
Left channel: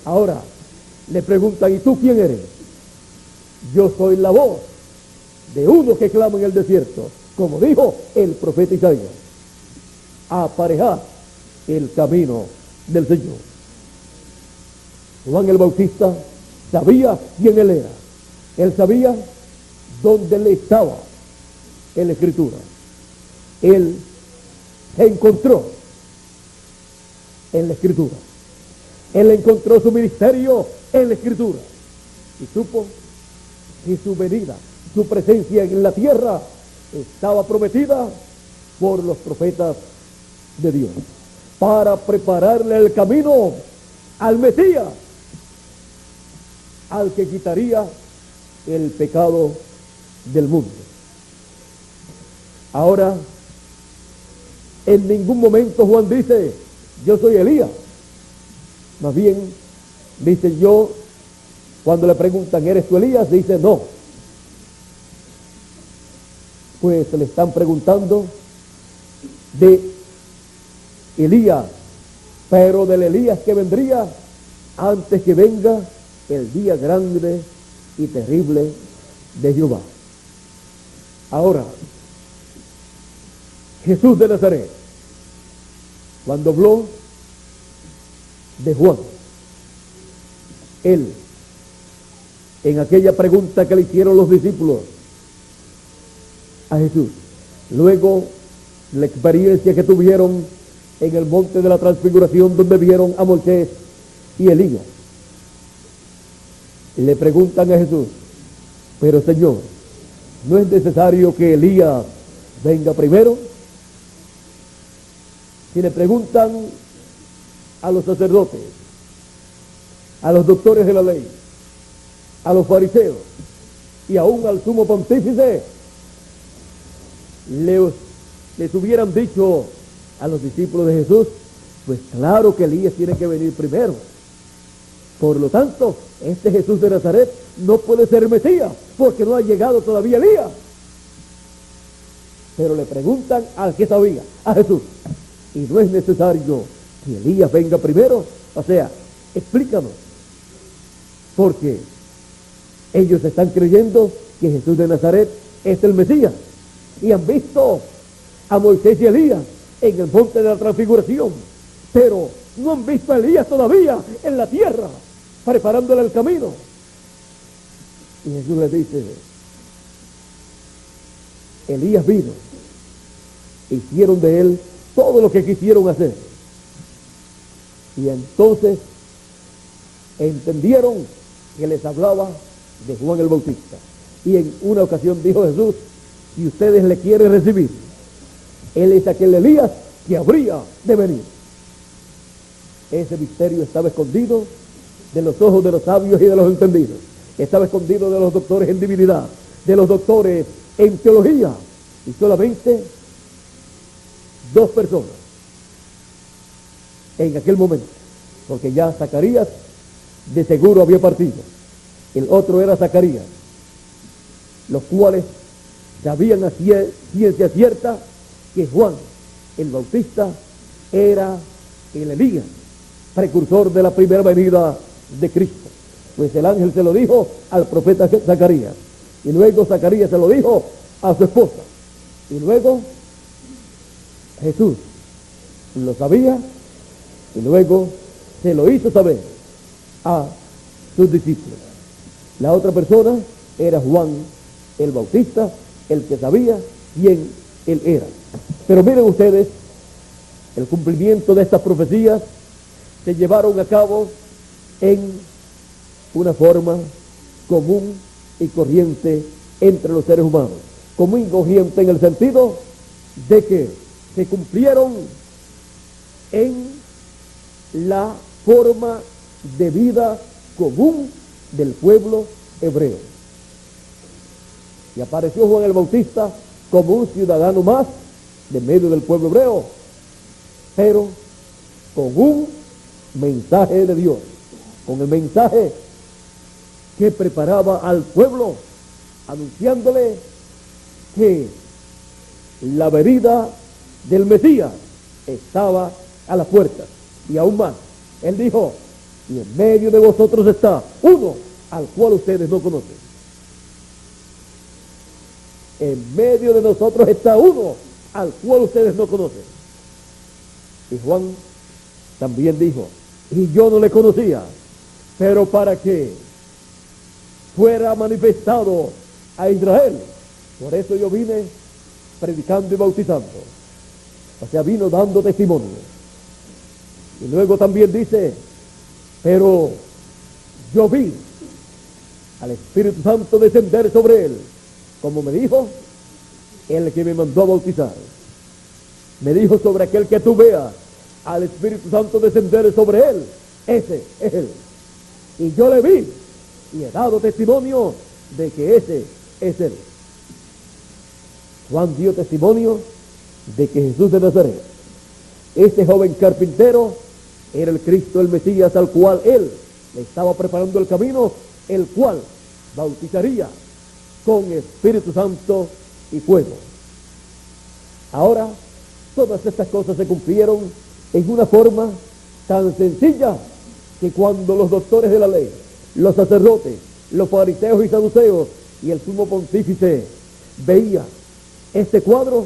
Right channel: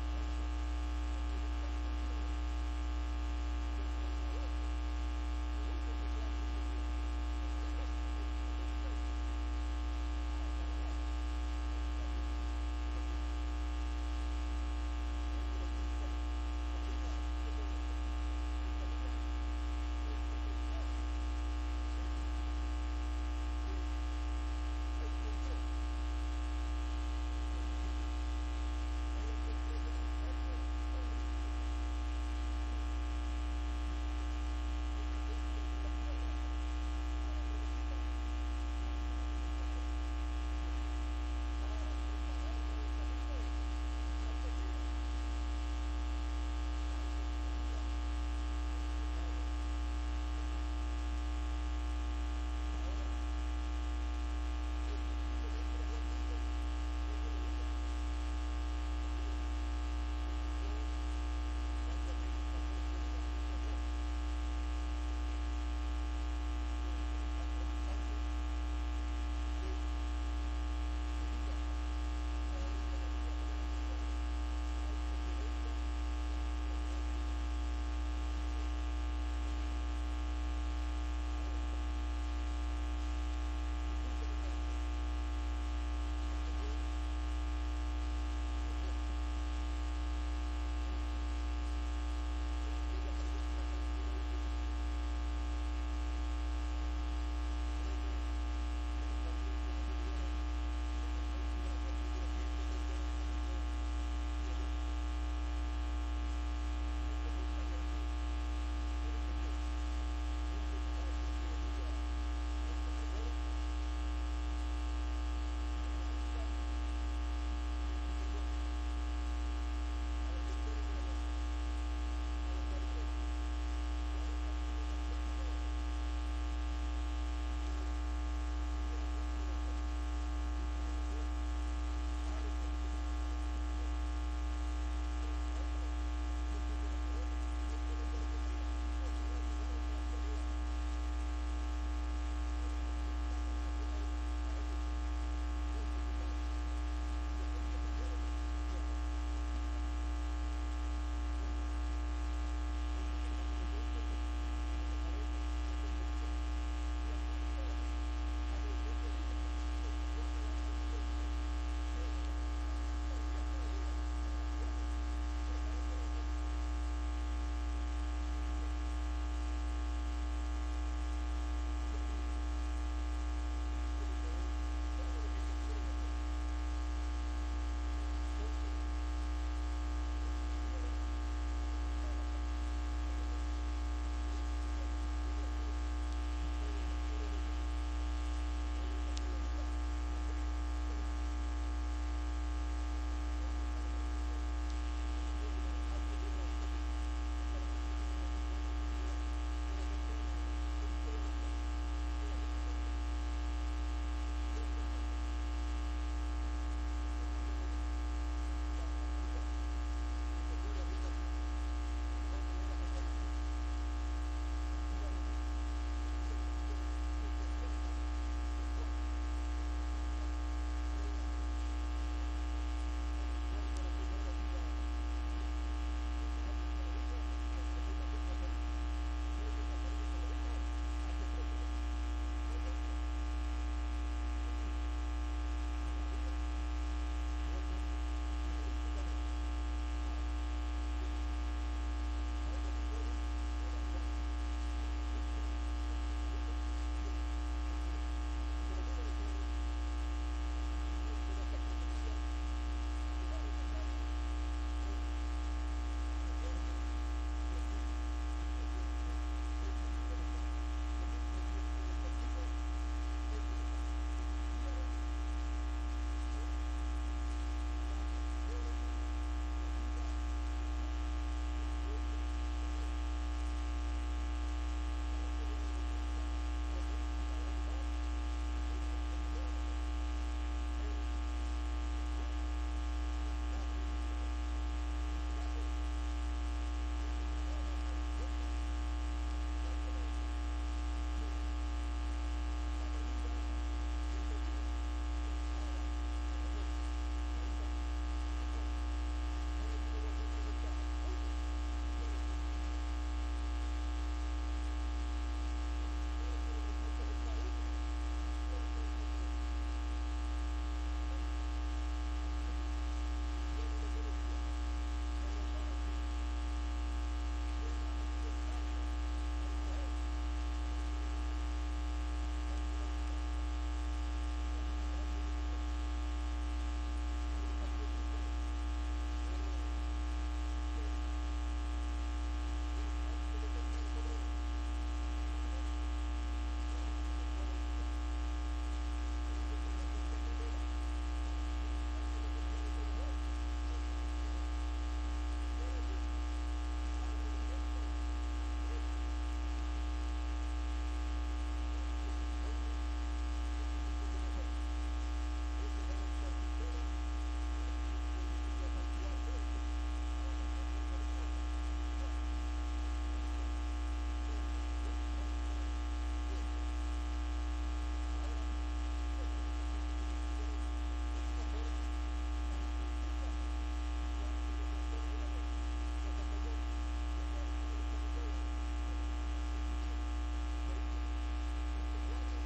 Ahora le preguntan: ¿y tú quién eres? Yo soy la voz de uno que clama en el desierto, como dijo el profeta Isaías: aparejad el camino del Señor. Juan el Bautista sabía quién él era. Él sabía dónde le estaba en la Escritura. él se encontró en la Escritura. Él encontró su ministerio en la Escritura y supo que su venida, su presencia en la tierra estaba prometida por los profetas de Dios para prepararle el camino al Mesías, al que quitaría el pecado del mundo. Ahora, en ningún momento Juan dice, yo soy Elías. Más bien, dice yo, cuando le preguntan, ¿eres tú Elías? Dice, no. Pues le están preguntando de Elías, pero del Elías que vendría antes que venga el día grande y terrible de Jehová. Ahora, Jesús de Nazaret, cuando habló de Juan, él, en aquella pregunta que le hicieron los discípulos a Jesús, luego la experiencia que tuvieron en el monte de la transfiguración, donde vieron a Moisés y Elías, le preguntan a Jesús, pero Señor, ¿no es necesario que Elías venga primero? Si le preguntan a los sacerdotes, a los doctores de la ley, a los fariseos y aún al sumo pontífice, les hubieran dicho a los discípulos de Jesús, pues claro que Elías tiene que venir primero. Por lo tanto, este Jesús de Nazaret no puede ser Mesías, porque no ha llegado todavía Elías. Pero le preguntan al que sabía, a Jesús, y no es necesario que Elías venga primero. O sea, explícanos, porque ellos están creyendo que Jesús de Nazaret es el Mesías, y han visto a Moisés y Elías en el monte de la transfiguración, pero no han visto a Elías todavía en la tierra, preparándole el camino. Y Jesús les dice, Elías vino, hicieron de él todo lo que quisieron hacer, y entonces entendieron que les hablaba de Juan el Bautista. Y en una ocasión dijo Jesús, si ustedes le quieren recibir, él es aquel Elías que habría de venir. Ese misterio estaba escondido de los ojos de los sabios y de los entendidos. Estaba escondido de los doctores en divinidad, de los doctores en teología, y solamente dos personas en aquel momento, porque ya Zacarías de seguro había partido, el otro era Zacarías, los cuales sabían a ciencia cierta que Juan el Bautista era el Elías, precursor de la primera venida de Cristo. Pues el ángel se lo dijo al profeta Zacarías, y luego Zacarías se lo dijo a su esposa, y luego Jesús lo sabía y luego se lo hizo saber a sus discípulos. La otra persona era Juan el Bautista, el que sabía quién él era. Pero miren ustedes, el cumplimiento de estas profecías se llevaron a cabo en una forma común y corriente entre los seres humanos. Común y corriente en el sentido de que se cumplieron en la forma de vida común del pueblo hebreo. Y apareció Juan el Bautista como un ciudadano más de medio del pueblo hebreo, pero con un mensaje de Dios, con el mensaje que preparaba al pueblo, anunciándole que la venida del Mesías estaba a la puerta. Y aún más, él dijo, y en medio de vosotros está uno al cual ustedes no conocen. En medio de nosotros está uno al cual ustedes no conocen. Y Juan también dijo, y yo no le conocía, pero para que fuera manifestado a Israel. Por eso yo vine predicando y bautizando. O sea, vino dando testimonio. Y luego también dice, pero yo vi al Espíritu Santo descender sobre él, como me dijo el que me mandó a bautizar. Me dijo, sobre aquel que tú veas al Espíritu Santo descender sobre él, ese es él. Y yo le vi y he dado testimonio de que ese es él. Juan dio testimonio de que Jesús de Nazaret, este joven carpintero, era el Cristo, el Mesías, al cual él le estaba preparando el camino, el cual bautizaría con Espíritu Santo y fuego. Ahora, todas estas cosas se cumplieron en una forma tan sencilla que cuando los doctores de la ley, los sacerdotes, los fariseos y saduceos y el sumo pontífice veía este cuadro,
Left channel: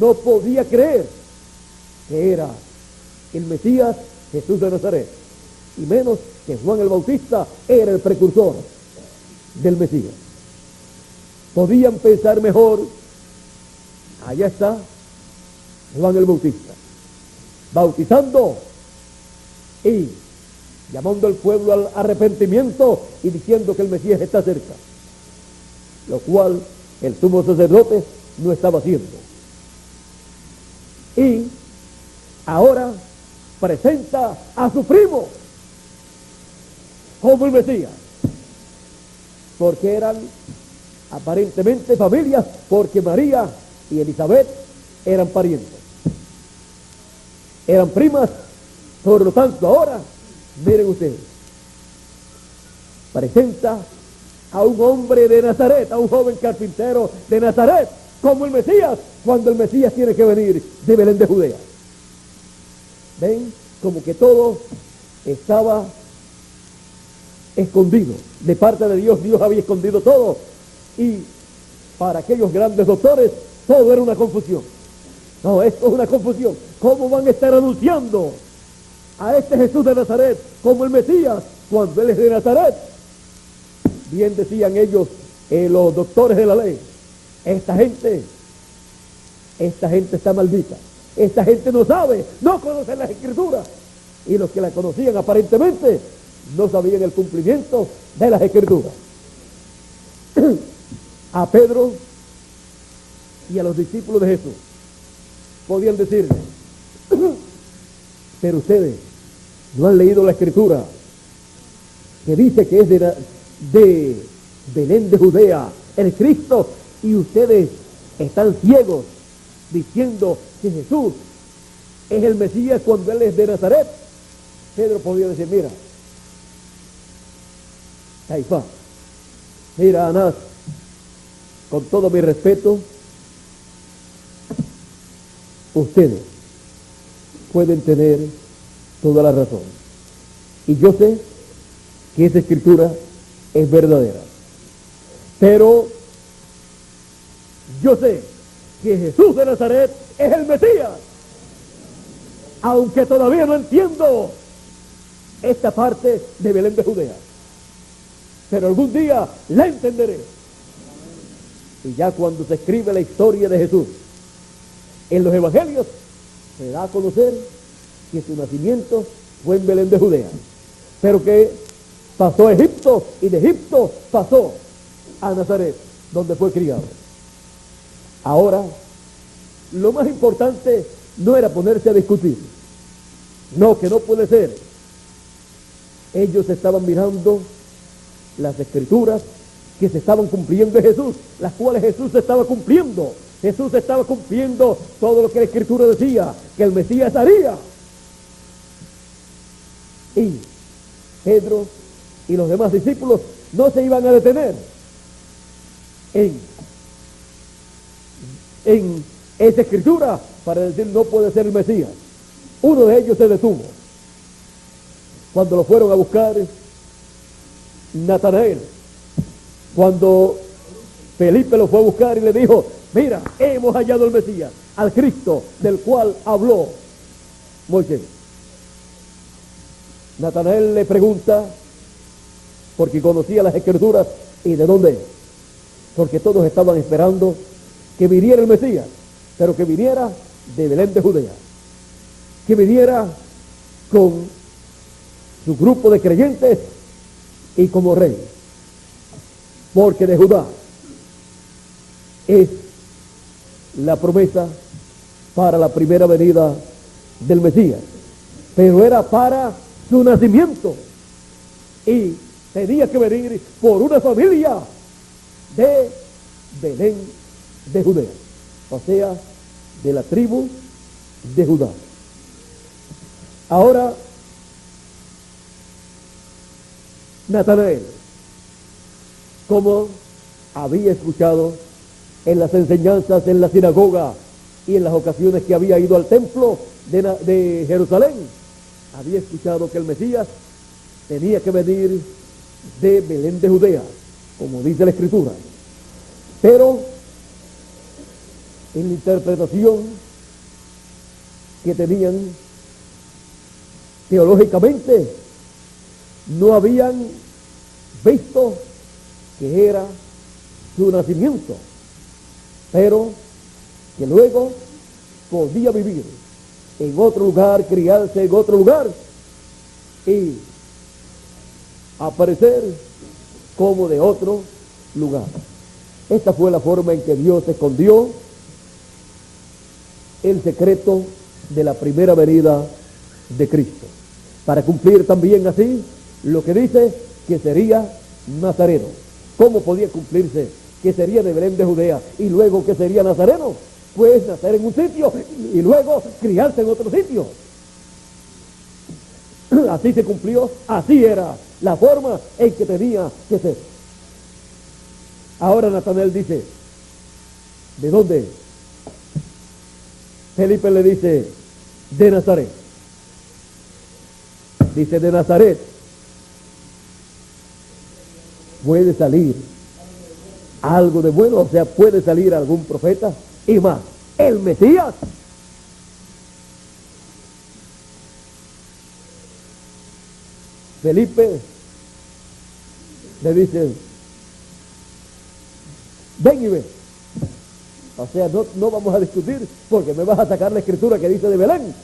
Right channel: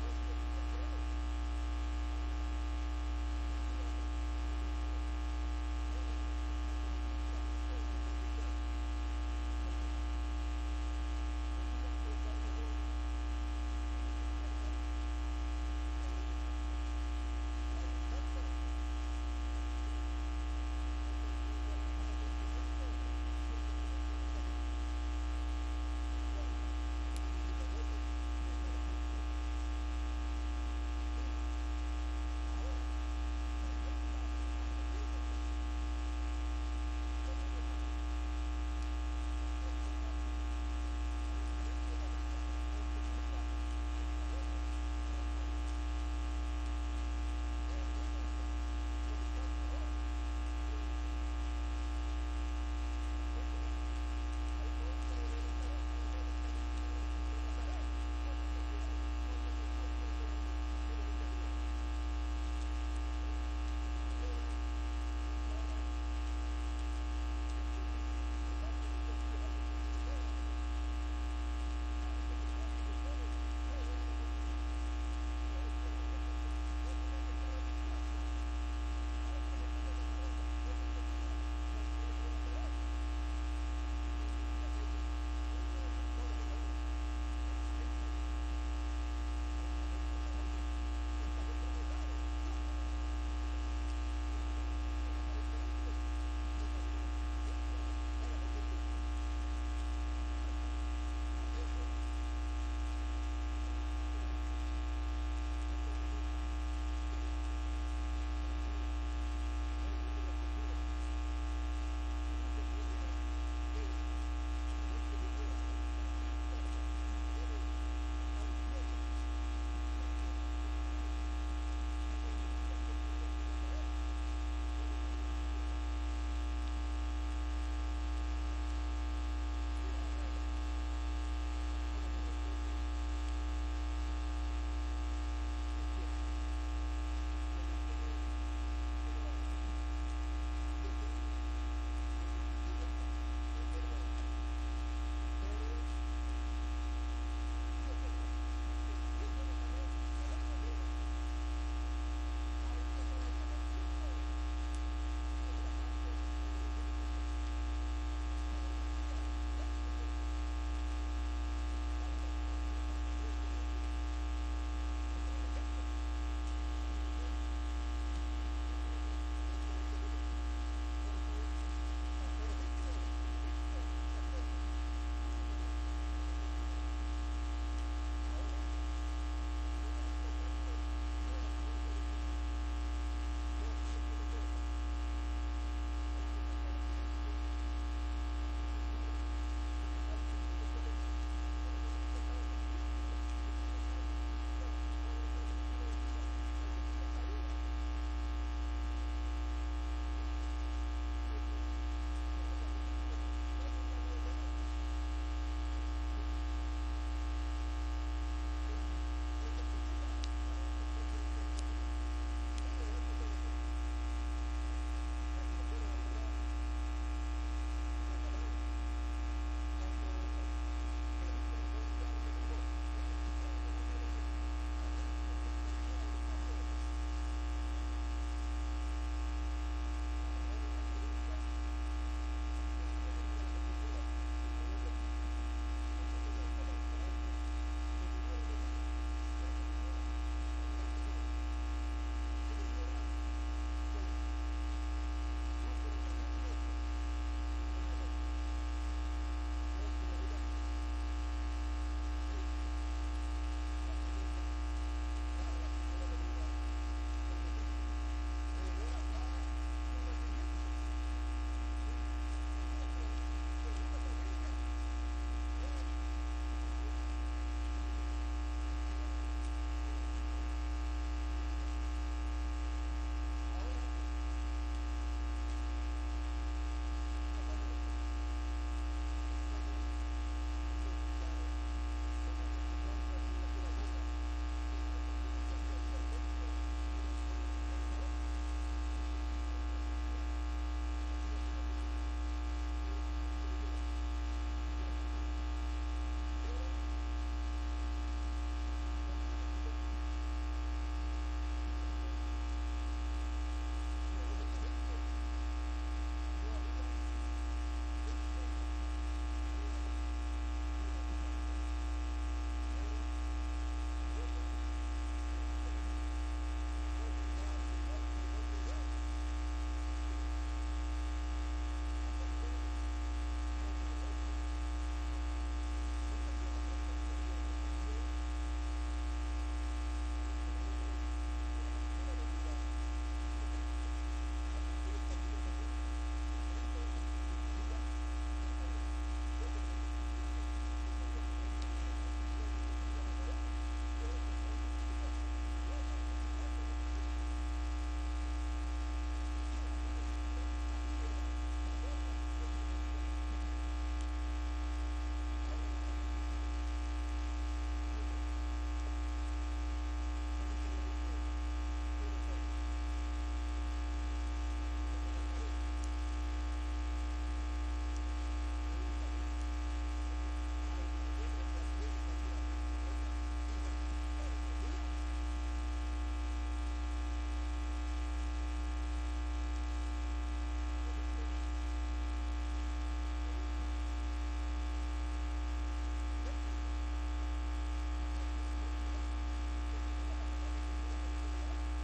no podía creer que era el Mesías, Jesús de Nazaret, y menos que Juan el Bautista era el precursor del Mesías. Podían pensar mejor, allá está Juan el Bautista, bautizando y llamando al pueblo al arrepentimiento y diciendo que el Mesías está cerca, lo cual el sumo sacerdote no estaba haciendo. Y ahora presenta a su primo como el Mesías, porque eran aparentemente familias, porque María y Elizabeth eran parientes, eran primas. Por lo tanto, ahora miren ustedes, presenta a un hombre de Nazaret, a un joven carpintero de Nazaret como el Mesías, cuando el Mesías tiene que venir de Belén de Judea. Ven, como que todo estaba escondido de parte de Dios. Dios había escondido todo, y para aquellos grandes doctores todo era una confusión. No, esto es una confusión. ¿Cómo van a estar anunciando a este Jesús de Nazaret como el Mesías cuando él es de Nazaret? Bien decían ellos, los doctores de la ley, esta gente está maldita, esta gente no sabe, no conoce las Escrituras, y los que la conocían aparentemente no sabían el cumplimiento de las Escrituras. A Pedro y a los discípulos de Jesús podían decirle, pero ustedes no han leído la Escritura que dice que es de Belén de Judea el Cristo, y ustedes están ciegos diciendo que Jesús es el Mesías cuando él es de Nazaret. Pedro podía decir, mira, Caifás, mira, Anás, con todo mi respeto, ustedes pueden tener toda la razón, y yo sé que esa escritura es verdadera, pero yo sé que Jesús de Nazaret es el Mesías, aunque todavía no entiendo esta parte de Belén de Judea, pero algún día la entenderé. Y ya cuando se escribe la historia de Jesús en los evangelios, se da a conocer que su nacimiento fue en Belén de Judea, pero que pasó a Egipto, y de Egipto pasó a Nazaret, donde fue criado. Ahora, lo más importante no era ponerse a discutir, no, que no puede ser. Ellos estaban mirando las Escrituras que se estaban cumpliendo en Jesús, las cuales Jesús estaba cumpliendo. Jesús estaba cumpliendo todo lo que la Escritura decía que el Mesías haría. Y Pedro y los demás discípulos no se iban a detener en esa Escritura para decir no puede ser el Mesías. Uno de ellos se detuvo cuando lo fueron a buscar Natanael, cuando Felipe lo fue a buscar y le dijo, mira, hemos hallado el Mesías, al Cristo del cual habló Moisés. Natanael le pregunta, porque conocía las Escrituras, ¿y de dónde es? Porque todos estaban esperando que viniera el Mesías, pero que viniera de Belén de Judea, que viniera con su grupo de creyentes y como rey, porque de Judá es la promesa para la primera venida del Mesías, pero era para su nacimiento y tenía que venir por una familia de Belén de Judea, o sea, de la tribu de Judá. Ahora, Natanael, como había escuchado en las enseñanzas en la sinagoga y en las ocasiones que había ido al templo de Jerusalén, había escuchado que el Mesías tenía que venir de Belén de Judea, como dice la Escritura. Pero en la interpretación que tenían teológicamente, no habían visto que era su nacimiento, pero que luego podía vivir en otro lugar, criarse en otro lugar y aparecer como de otro lugar. Esta fue la forma en que Dios escondió el secreto de la primera venida de Cristo, para cumplir también así lo que dice que sería nazareno. ¿Cómo podía cumplirse que sería de Belén de Judea y luego que sería nazareno? Pues nacer en un sitio y luego criarse en otro sitio. Así se cumplió, así era la forma en que tenía que ser. Ahora Natanael dice, ¿de dónde? Felipe le dice, de Nazaret. Dice, de Nazaret puede salir algo de bueno, o sea, puede salir algún profeta y más, el Mesías. Felipe le dice, ven y ve. O sea, no vamos a discutir porque me vas a sacar la escritura que dice de Belén.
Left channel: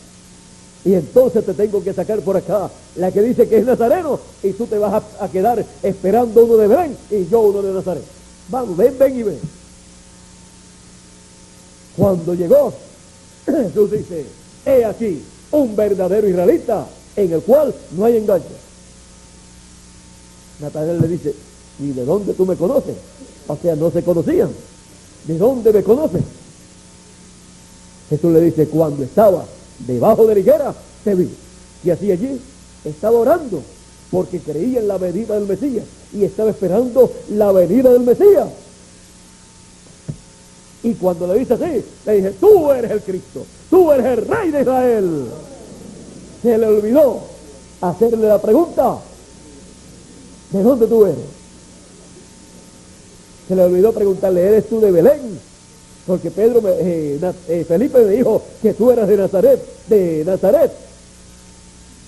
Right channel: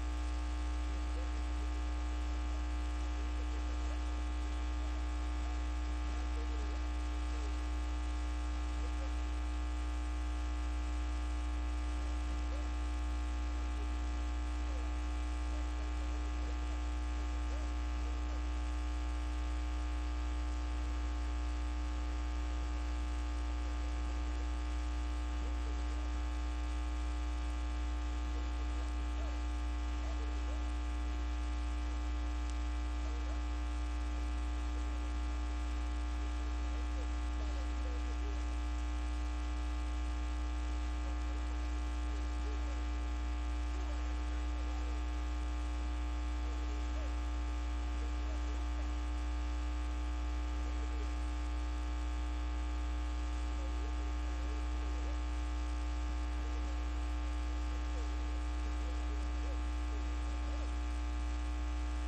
Y entonces te tengo que sacar por acá la que dice que es nazareno y tú te vas a quedar esperando uno de Belén y yo uno de Nazaret. Vamos, ven y ven. Cuando llegó, Jesús dice, he aquí un verdadero israelita en el cual no hay engaño. Natanael le dice, ¿y de dónde tú me conoces? O sea, no se conocían. ¿De dónde me conoces? Jesús le dice, cuando estaba debajo de la higuera, te vi. Y así allí estaba orando, porque creía en la venida del Mesías y estaba esperando la venida del Mesías. Y cuando le dice así, le dije, tú eres el Cristo, tú eres el Rey de Israel. Se le olvidó hacerle la pregunta, ¿de dónde tú eres? Se le olvidó preguntarle, ¿eres tú de Belén? Porque Felipe me dijo que tú eras de Nazaret.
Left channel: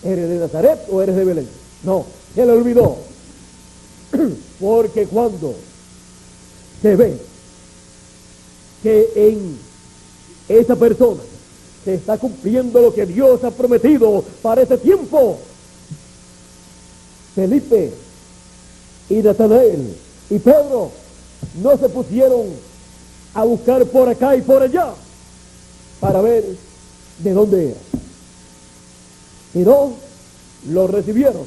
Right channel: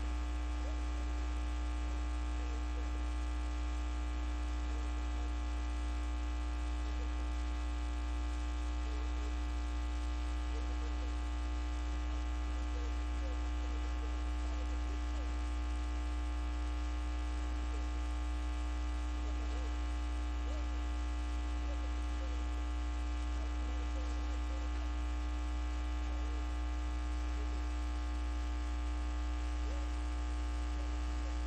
¿Eres de Nazaret o eres de Belén? No, se le olvidó. Porque cuando se ve que en esa persona se está cumpliendo lo que Dios ha prometido para ese tiempo, Felipe y Natanael y Pedro no se pusieron a buscar por acá y por allá para ver de dónde era, sino lo recibieron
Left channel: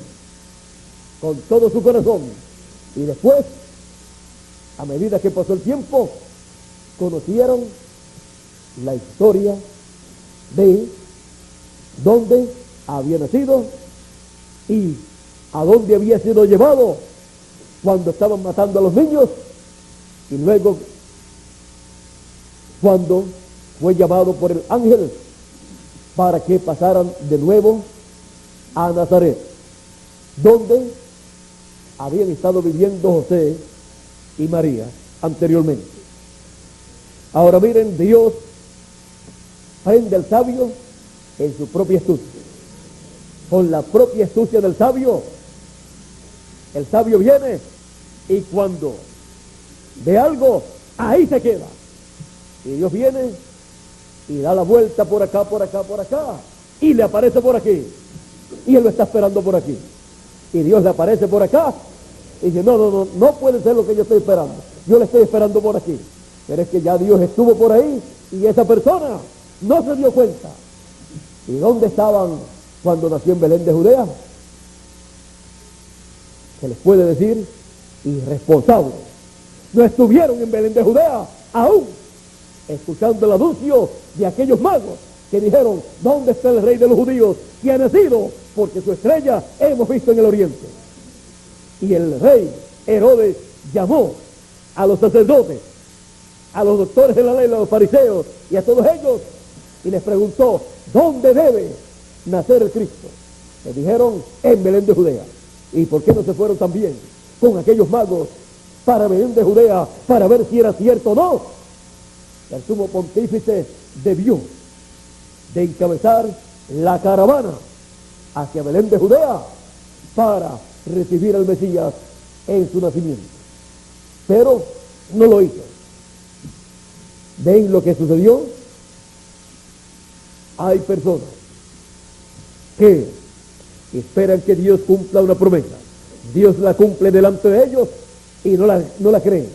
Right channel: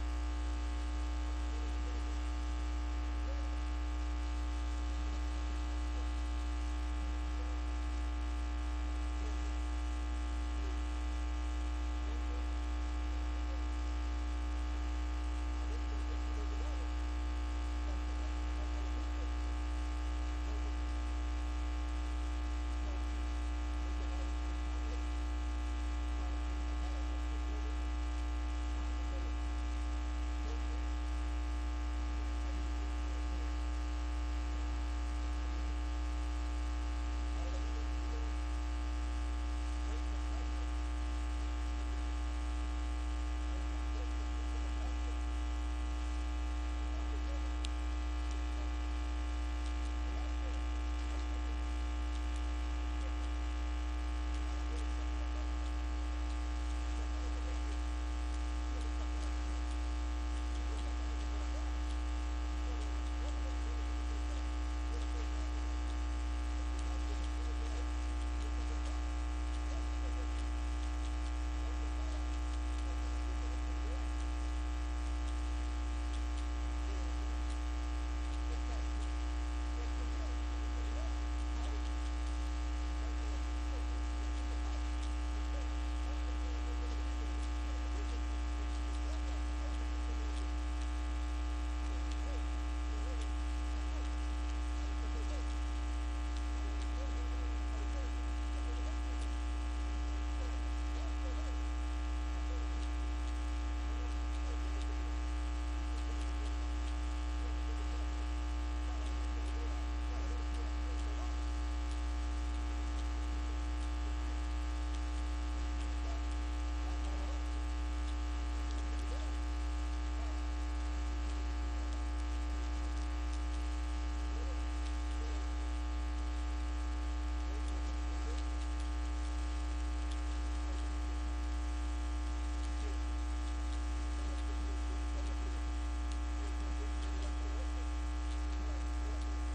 con todo su corazón y después, a medida que pasó el tiempo, conocieron la historia de dónde había nacido y a dónde había sido llevado cuando estaban matando a los niños y luego cuando fue llamado por el ángel para que pasaran de nuevo a Nazaret, donde habían estado viviendo José y María anteriormente. Ahora miren, Dios prende al sabio en su propia astucia. Con la propia astucia del sabio, el sabio viene y cuando ve algo, ahí se queda. Y Dios viene y da la vuelta por acá, por acá, por acá, y le aparece por aquí. Y él lo está esperando por aquí. Y Dios le aparece por acá y dice, no puede ser lo que yo estoy esperando. Yo le estoy esperando por aquí. Pero es que ya Dios estuvo por ahí y esa persona no se dio cuenta. ¿Y dónde estaban cuando nació en Belén de Judea? Se les puede decir irresponsables. No estuvieron en Belén de Judea aún, escuchando el anuncio de aquellos magos que dijeron, ¿dónde está el rey de los judíos que ha nacido? Porque su estrella hemos visto en el oriente. Y el rey Herodes llamó a los sacerdotes, a los doctores de la ley, a los fariseos y a todos ellos, y les preguntó, ¿dónde debe nacer el Cristo? Le dijeron, en Belén de Judea. ¿Y por qué no se fueron también con aquellos magos para Belén de Judea para ver si era cierto o no? El sumo pontífice debió de encabezar la caravana hacia Belén de Judea para recibir al Mesías en su nacimiento. Pero no lo hizo. ¿Ven lo que sucedió? Hay personas que esperan que Dios cumpla una promesa. Dios la cumple delante de ellos y no la creen.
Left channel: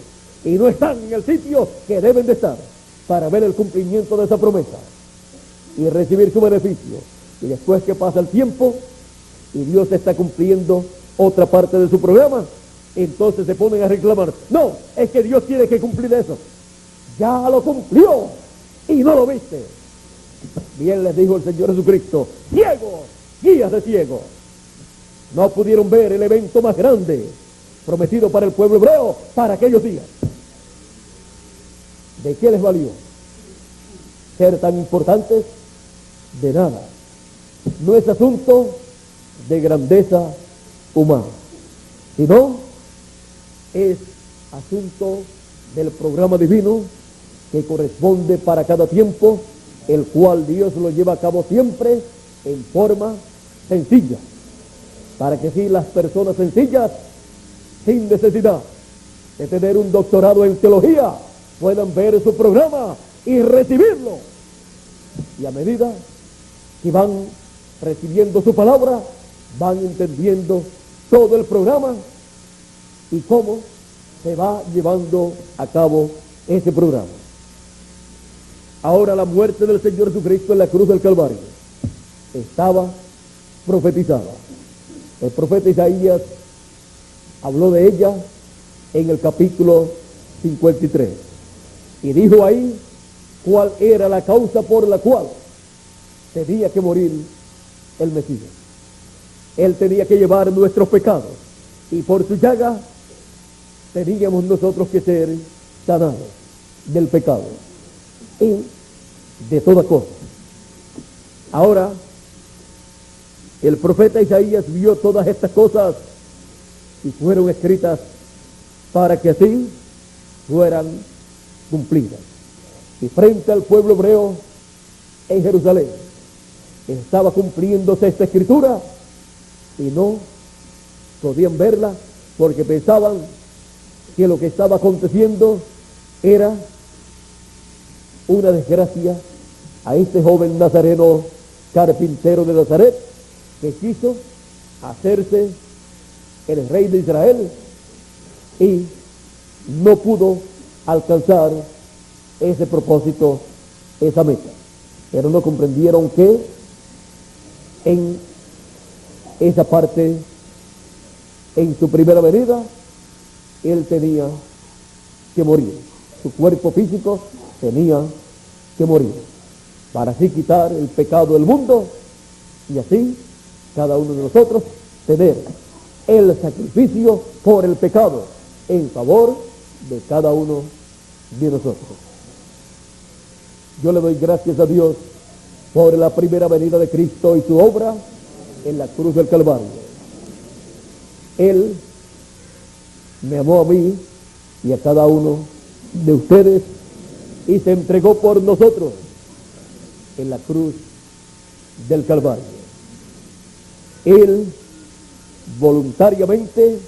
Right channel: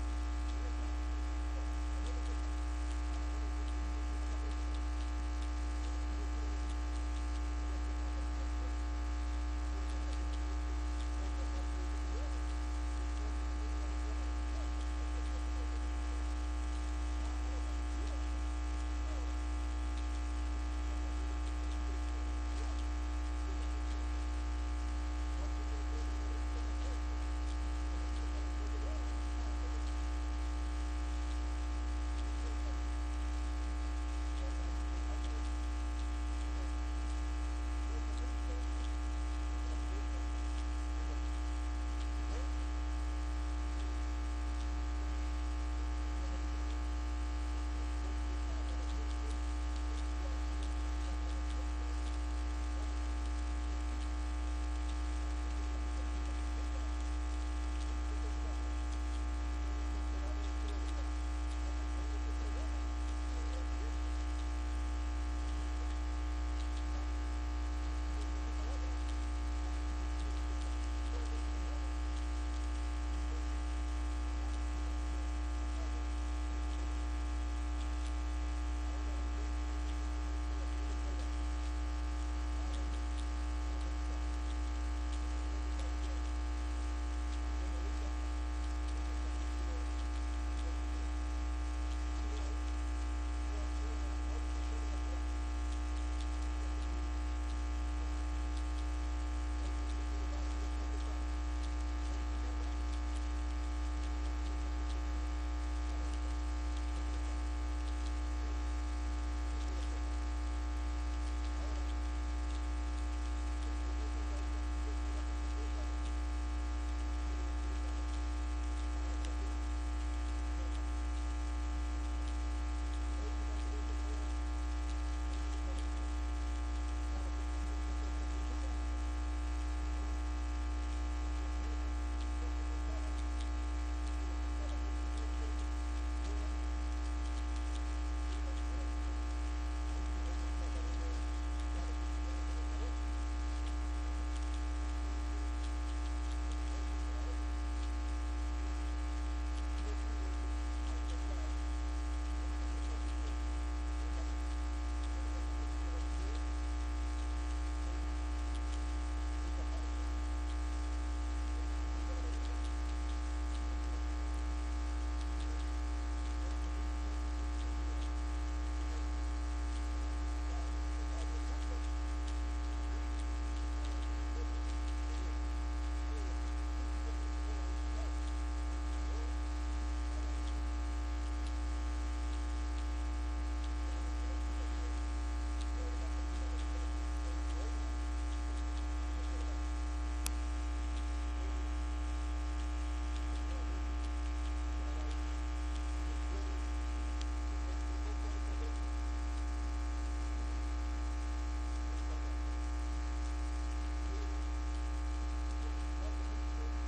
Y no están en el sitio que deben de estar para ver el cumplimiento de esa promesa y recibir su beneficio. Y después que pasa el tiempo y Dios está cumpliendo otra parte de su programa, entonces se ponen a reclamar, no, es que Dios tiene que cumplir eso. Ya lo cumplió y no lo viste. Bien les dijo el Señor Jesucristo, ciegos, guías de ciegos, no pudieron ver el evento más grande prometido para el pueblo hebreo para aquellos días. ¿De qué les valió ser tan importantes? De nada. No es asunto de grandeza humana, sino es asunto del programa divino que corresponde para cada tiempo, el cual Dios lo lleva a cabo siempre en forma sencilla, para que así las personas sencillas, sin necesidad de tener un doctorado en teología, puedan ver su programa y recibirlo. Y a medida que van recibiendo su palabra, van entendiendo todo el programa y cómo se va llevando a cabo ese programa. Ahora la muerte del Señor Jesucristo en la cruz del Calvario estaba profetizada. El profeta Isaías habló de ella en el capítulo 53 y dijo ahí cuál era la causa por la cual tenía que morir el Mesías. Él tenía que llevar nuestros pecados y por su llaga teníamos nosotros que ser sanados del pecado y de toda cosa. Ahora el profeta Isaías vio todas estas cosas y fueron escritas para que así fueran cumplidas. Y frente al pueblo hebreo en Jerusalén estaba cumpliéndose esta escritura y no podían verla porque pensaban que lo que estaba aconteciendo era una desgracia a este joven nazareno carpintero de Nazaret que quiso hacerse el rey de Israel y no pudo alcanzar ese propósito, esa meta. Pero no comprendieron que en esa parte, en su primera venida, él tenía que morir. Su cuerpo físico tenía que morir para así quitar el pecado del mundo y así cada uno de nosotros tener el sacrificio por el pecado en favor de cada uno de nosotros. Yo le doy gracias a Dios por la primera venida de Cristo y su obra en la cruz del Calvario. Él me amó a mí y a cada uno de ustedes y se entregó por nosotros en la cruz del Calvario. Él voluntariamente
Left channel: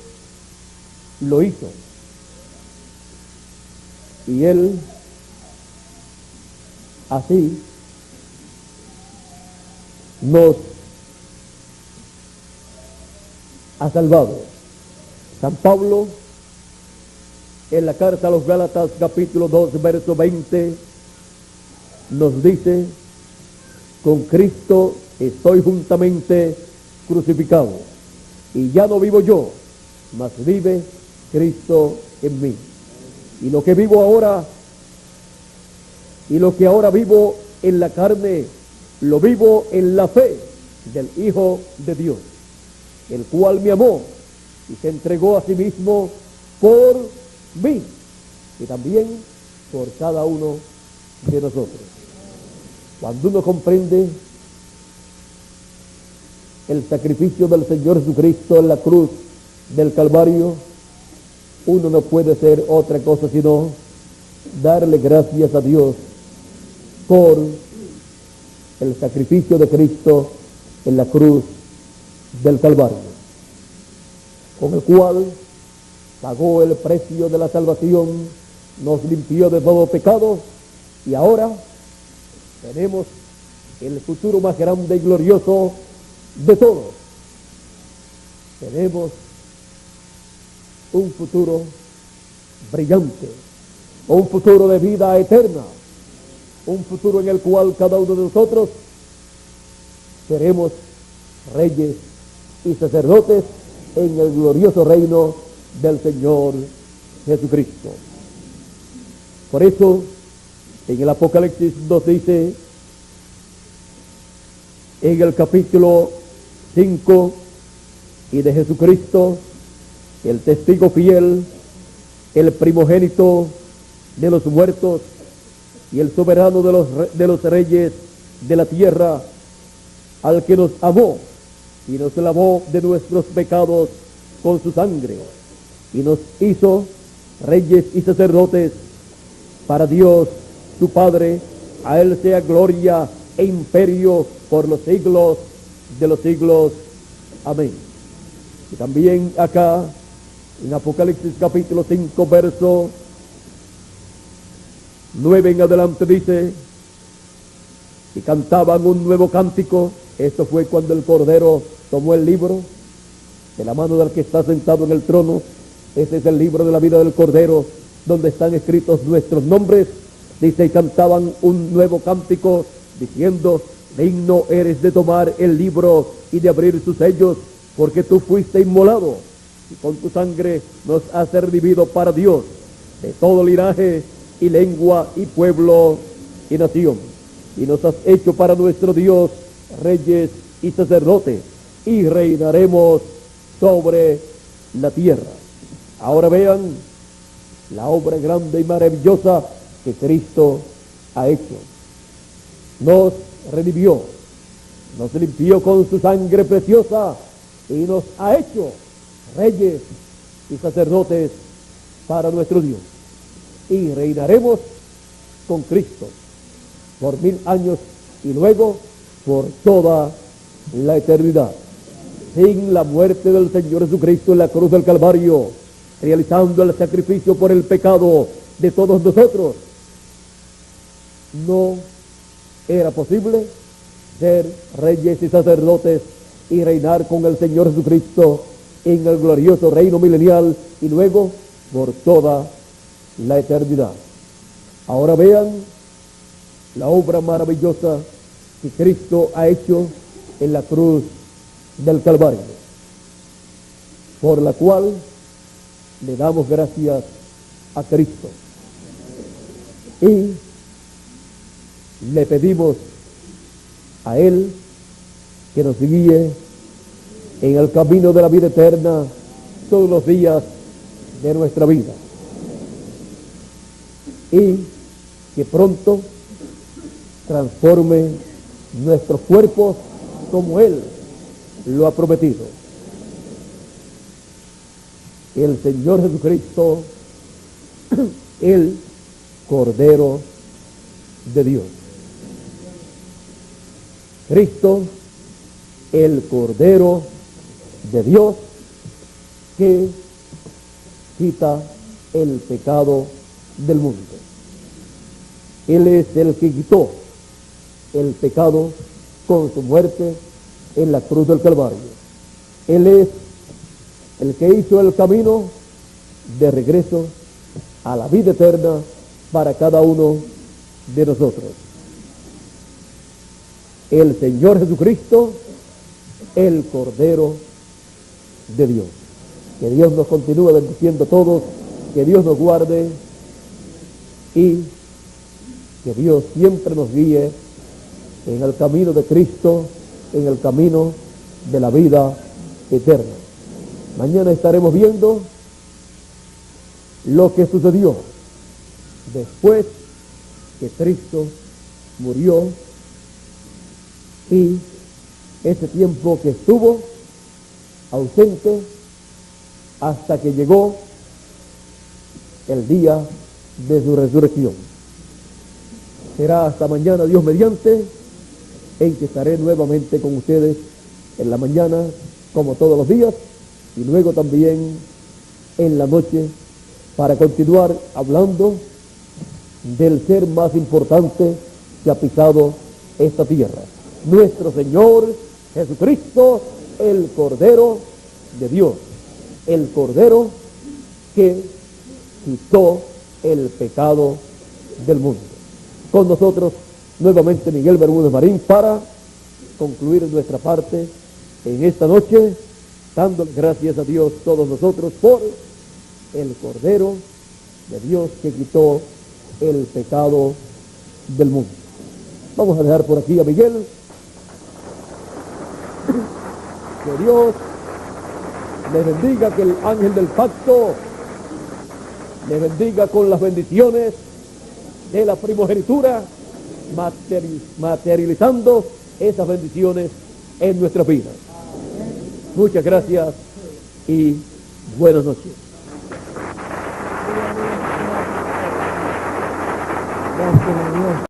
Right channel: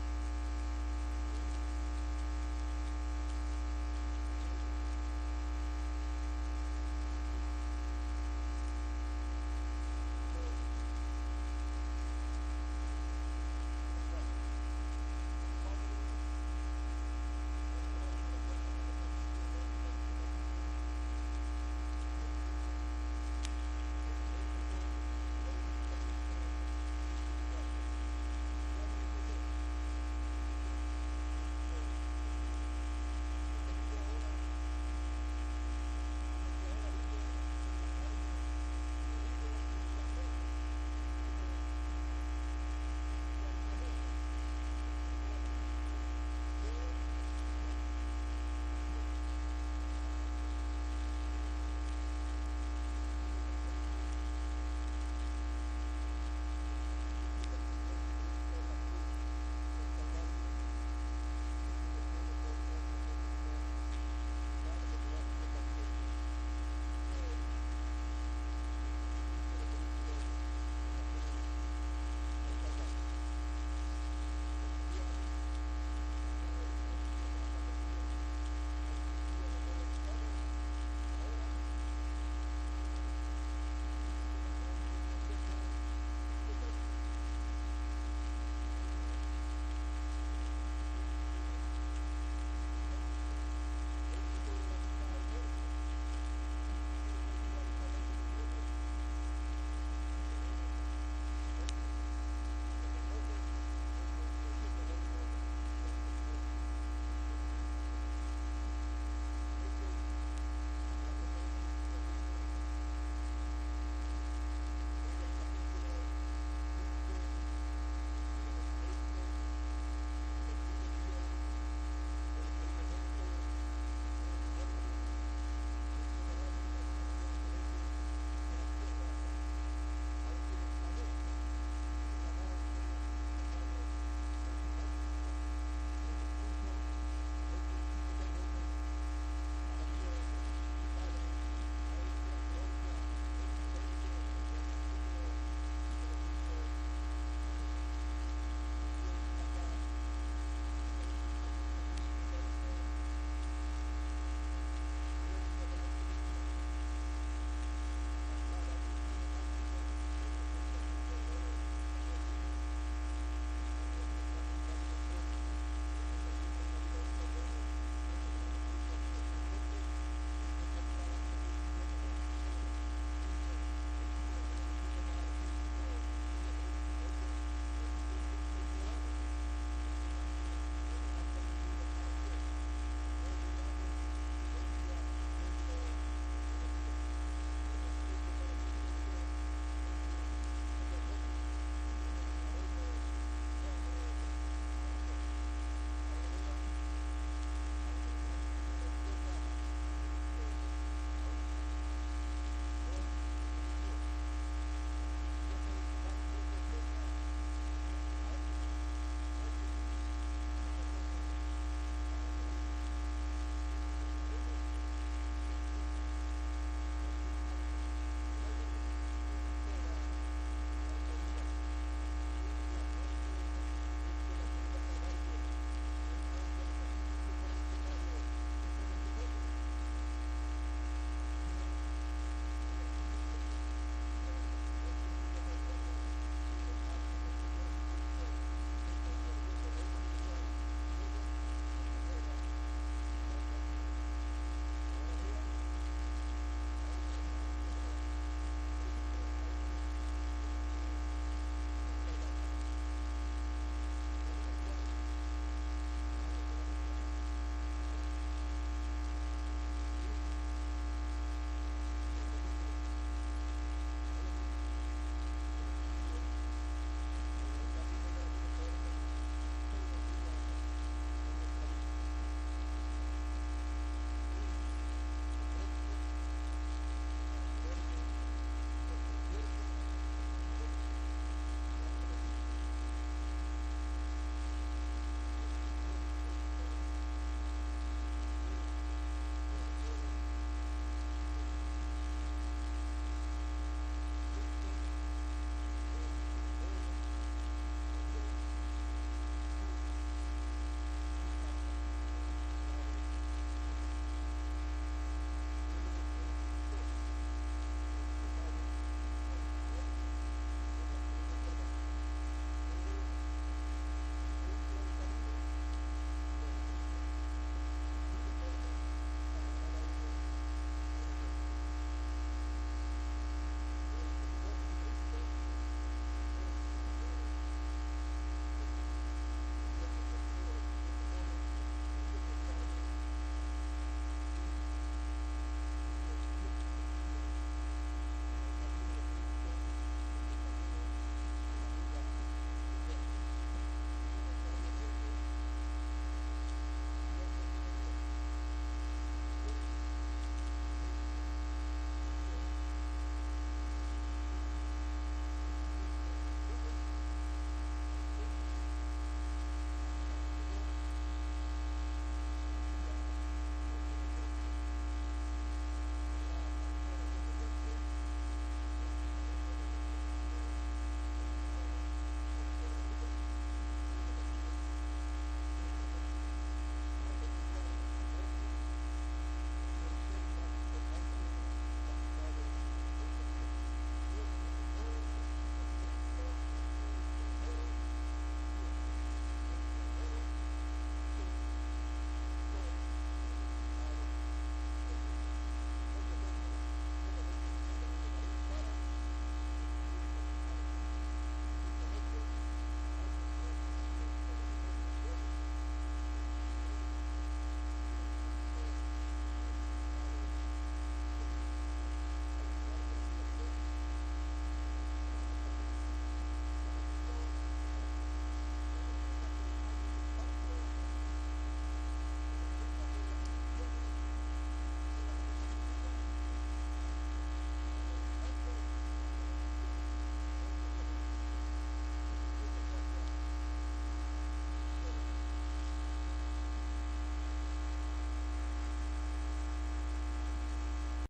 lo hizo y él Así nos ha salvado. San Pablo, en la carta a los Gálatas, capítulo 2, verso 20, nos dice: con Cristo estoy juntamente crucificado, y ya no vivo yo, mas vive Cristo en mí. Y lo que vivo ahora, y lo que ahora vivo en la carne, lo vivo en la fe del Hijo de Dios, el cual me amó y se entregó a sí mismo por mí y también por cada uno de nosotros. Cuando uno comprende el sacrificio del Señor Jesucristo en la cruz del Calvario, uno no puede hacer otra cosa sino darle gracias a Dios por el sacrificio de Cristo en la cruz del Calvario, con el cual pagó el precio de la salvación, nos limpió de todo pecado, y ahora tenemos el futuro más grande y glorioso de todos. Tenemos un futuro brillante, un futuro de vida eterna, un futuro en el cual cada uno de nosotros seremos reyes y sacerdotes en el glorioso reino del Señor Jesucristo. Por eso, en el Apocalipsis nos dice, en el capítulo 5, y de Jesucristo, el testigo fiel, el primogénito de los muertos y el soberano de los reyes de la tierra, al que nos amó y nos lavó de nuestros pecados con su sangre y nos hizo reyes y sacerdotes para Dios su Padre. A él sea gloria e imperio por los siglos de los siglos. Amén. Y también acá en Apocalipsis capítulo 5, verso 9 en adelante dice: y cantaban un nuevo cántico. Esto fue cuando el Cordero tomó el libro de la mano del que está sentado en el trono. Ese es el libro de la vida del Cordero, donde están escritos nuestros nombres. Dice: y cantaban un nuevo cántico, diciendo: digno eres de tomar el libro y de abrir sus sellos, porque tú fuiste inmolado, y con tu sangre nos has redimido para Dios, de todo linaje y lengua y pueblo y nación. Y nos has hecho para nuestro Dios reyes y sacerdotes, y reinaremos sobre la tierra. Ahora vean la obra grande y maravillosa que Cristo ha hecho. Nos redimió, nos limpió con su sangre preciosa y nos ha hecho reyes y sacerdotes para nuestro Dios. Y reinaremos con Cristo por 1000 años y luego por toda la eternidad. Sin la muerte del Señor Jesucristo en la cruz del Calvario, realizando el sacrificio por el pecado de todos nosotros, no era posible ser reyes y sacerdotes y reinar con el Señor Jesucristo en el glorioso reino milenial y luego por toda la eternidad. Ahora vean la obra maravillosa que Cristo ha hecho en la cruz del Calvario, por la cual le damos gracias a Cristo y le pedimos a Él que nos guíe en el camino de la vida eterna todos los días de nuestra vida, y que pronto transforme nuestros cuerpos como Él lo ha prometido. El Señor Jesucristo, el Cordero de Dios. Cristo, el Cordero de Dios, que quita el pecado del mundo. Él es el que quitó el pecado con su muerte en la cruz del Calvario. Él es el que hizo el camino de regreso a la vida eterna para cada uno de nosotros. El Señor Jesucristo, el Cordero de Dios. Que Dios nos continúe bendiciendo a todos, que Dios nos guarde y que Dios siempre nos guíe en el camino de Cristo, en el camino de la vida eterna. Mañana estaremos viendo lo que sucedió después que Cristo murió y ese tiempo que estuvo ausente hasta que llegó el día de su resurrección. Será hasta mañana, Dios mediante, en que estaré nuevamente con ustedes en la mañana, como todos los días, y luego también en la noche, para continuar hablando del ser más importante que ha pisado esta tierra, nuestro Señor Jesucristo, el Cordero de Dios, el Cordero que quitó el pecado del mundo. Con nosotros nuevamente Miguel Bermúdez Marín para concluir nuestra parte en esta noche, dando gracias a Dios todos nosotros por el Cordero de Dios que quitó el pecado del mundo. Vamos a dejar por aquí a Miguel. Que Dios les bendiga, que el ángel del pacto les bendiga con las bendiciones de la primogenitura, materializando esas bendiciones en nuestras vidas. Muchas gracias y buenas noches. Gracias,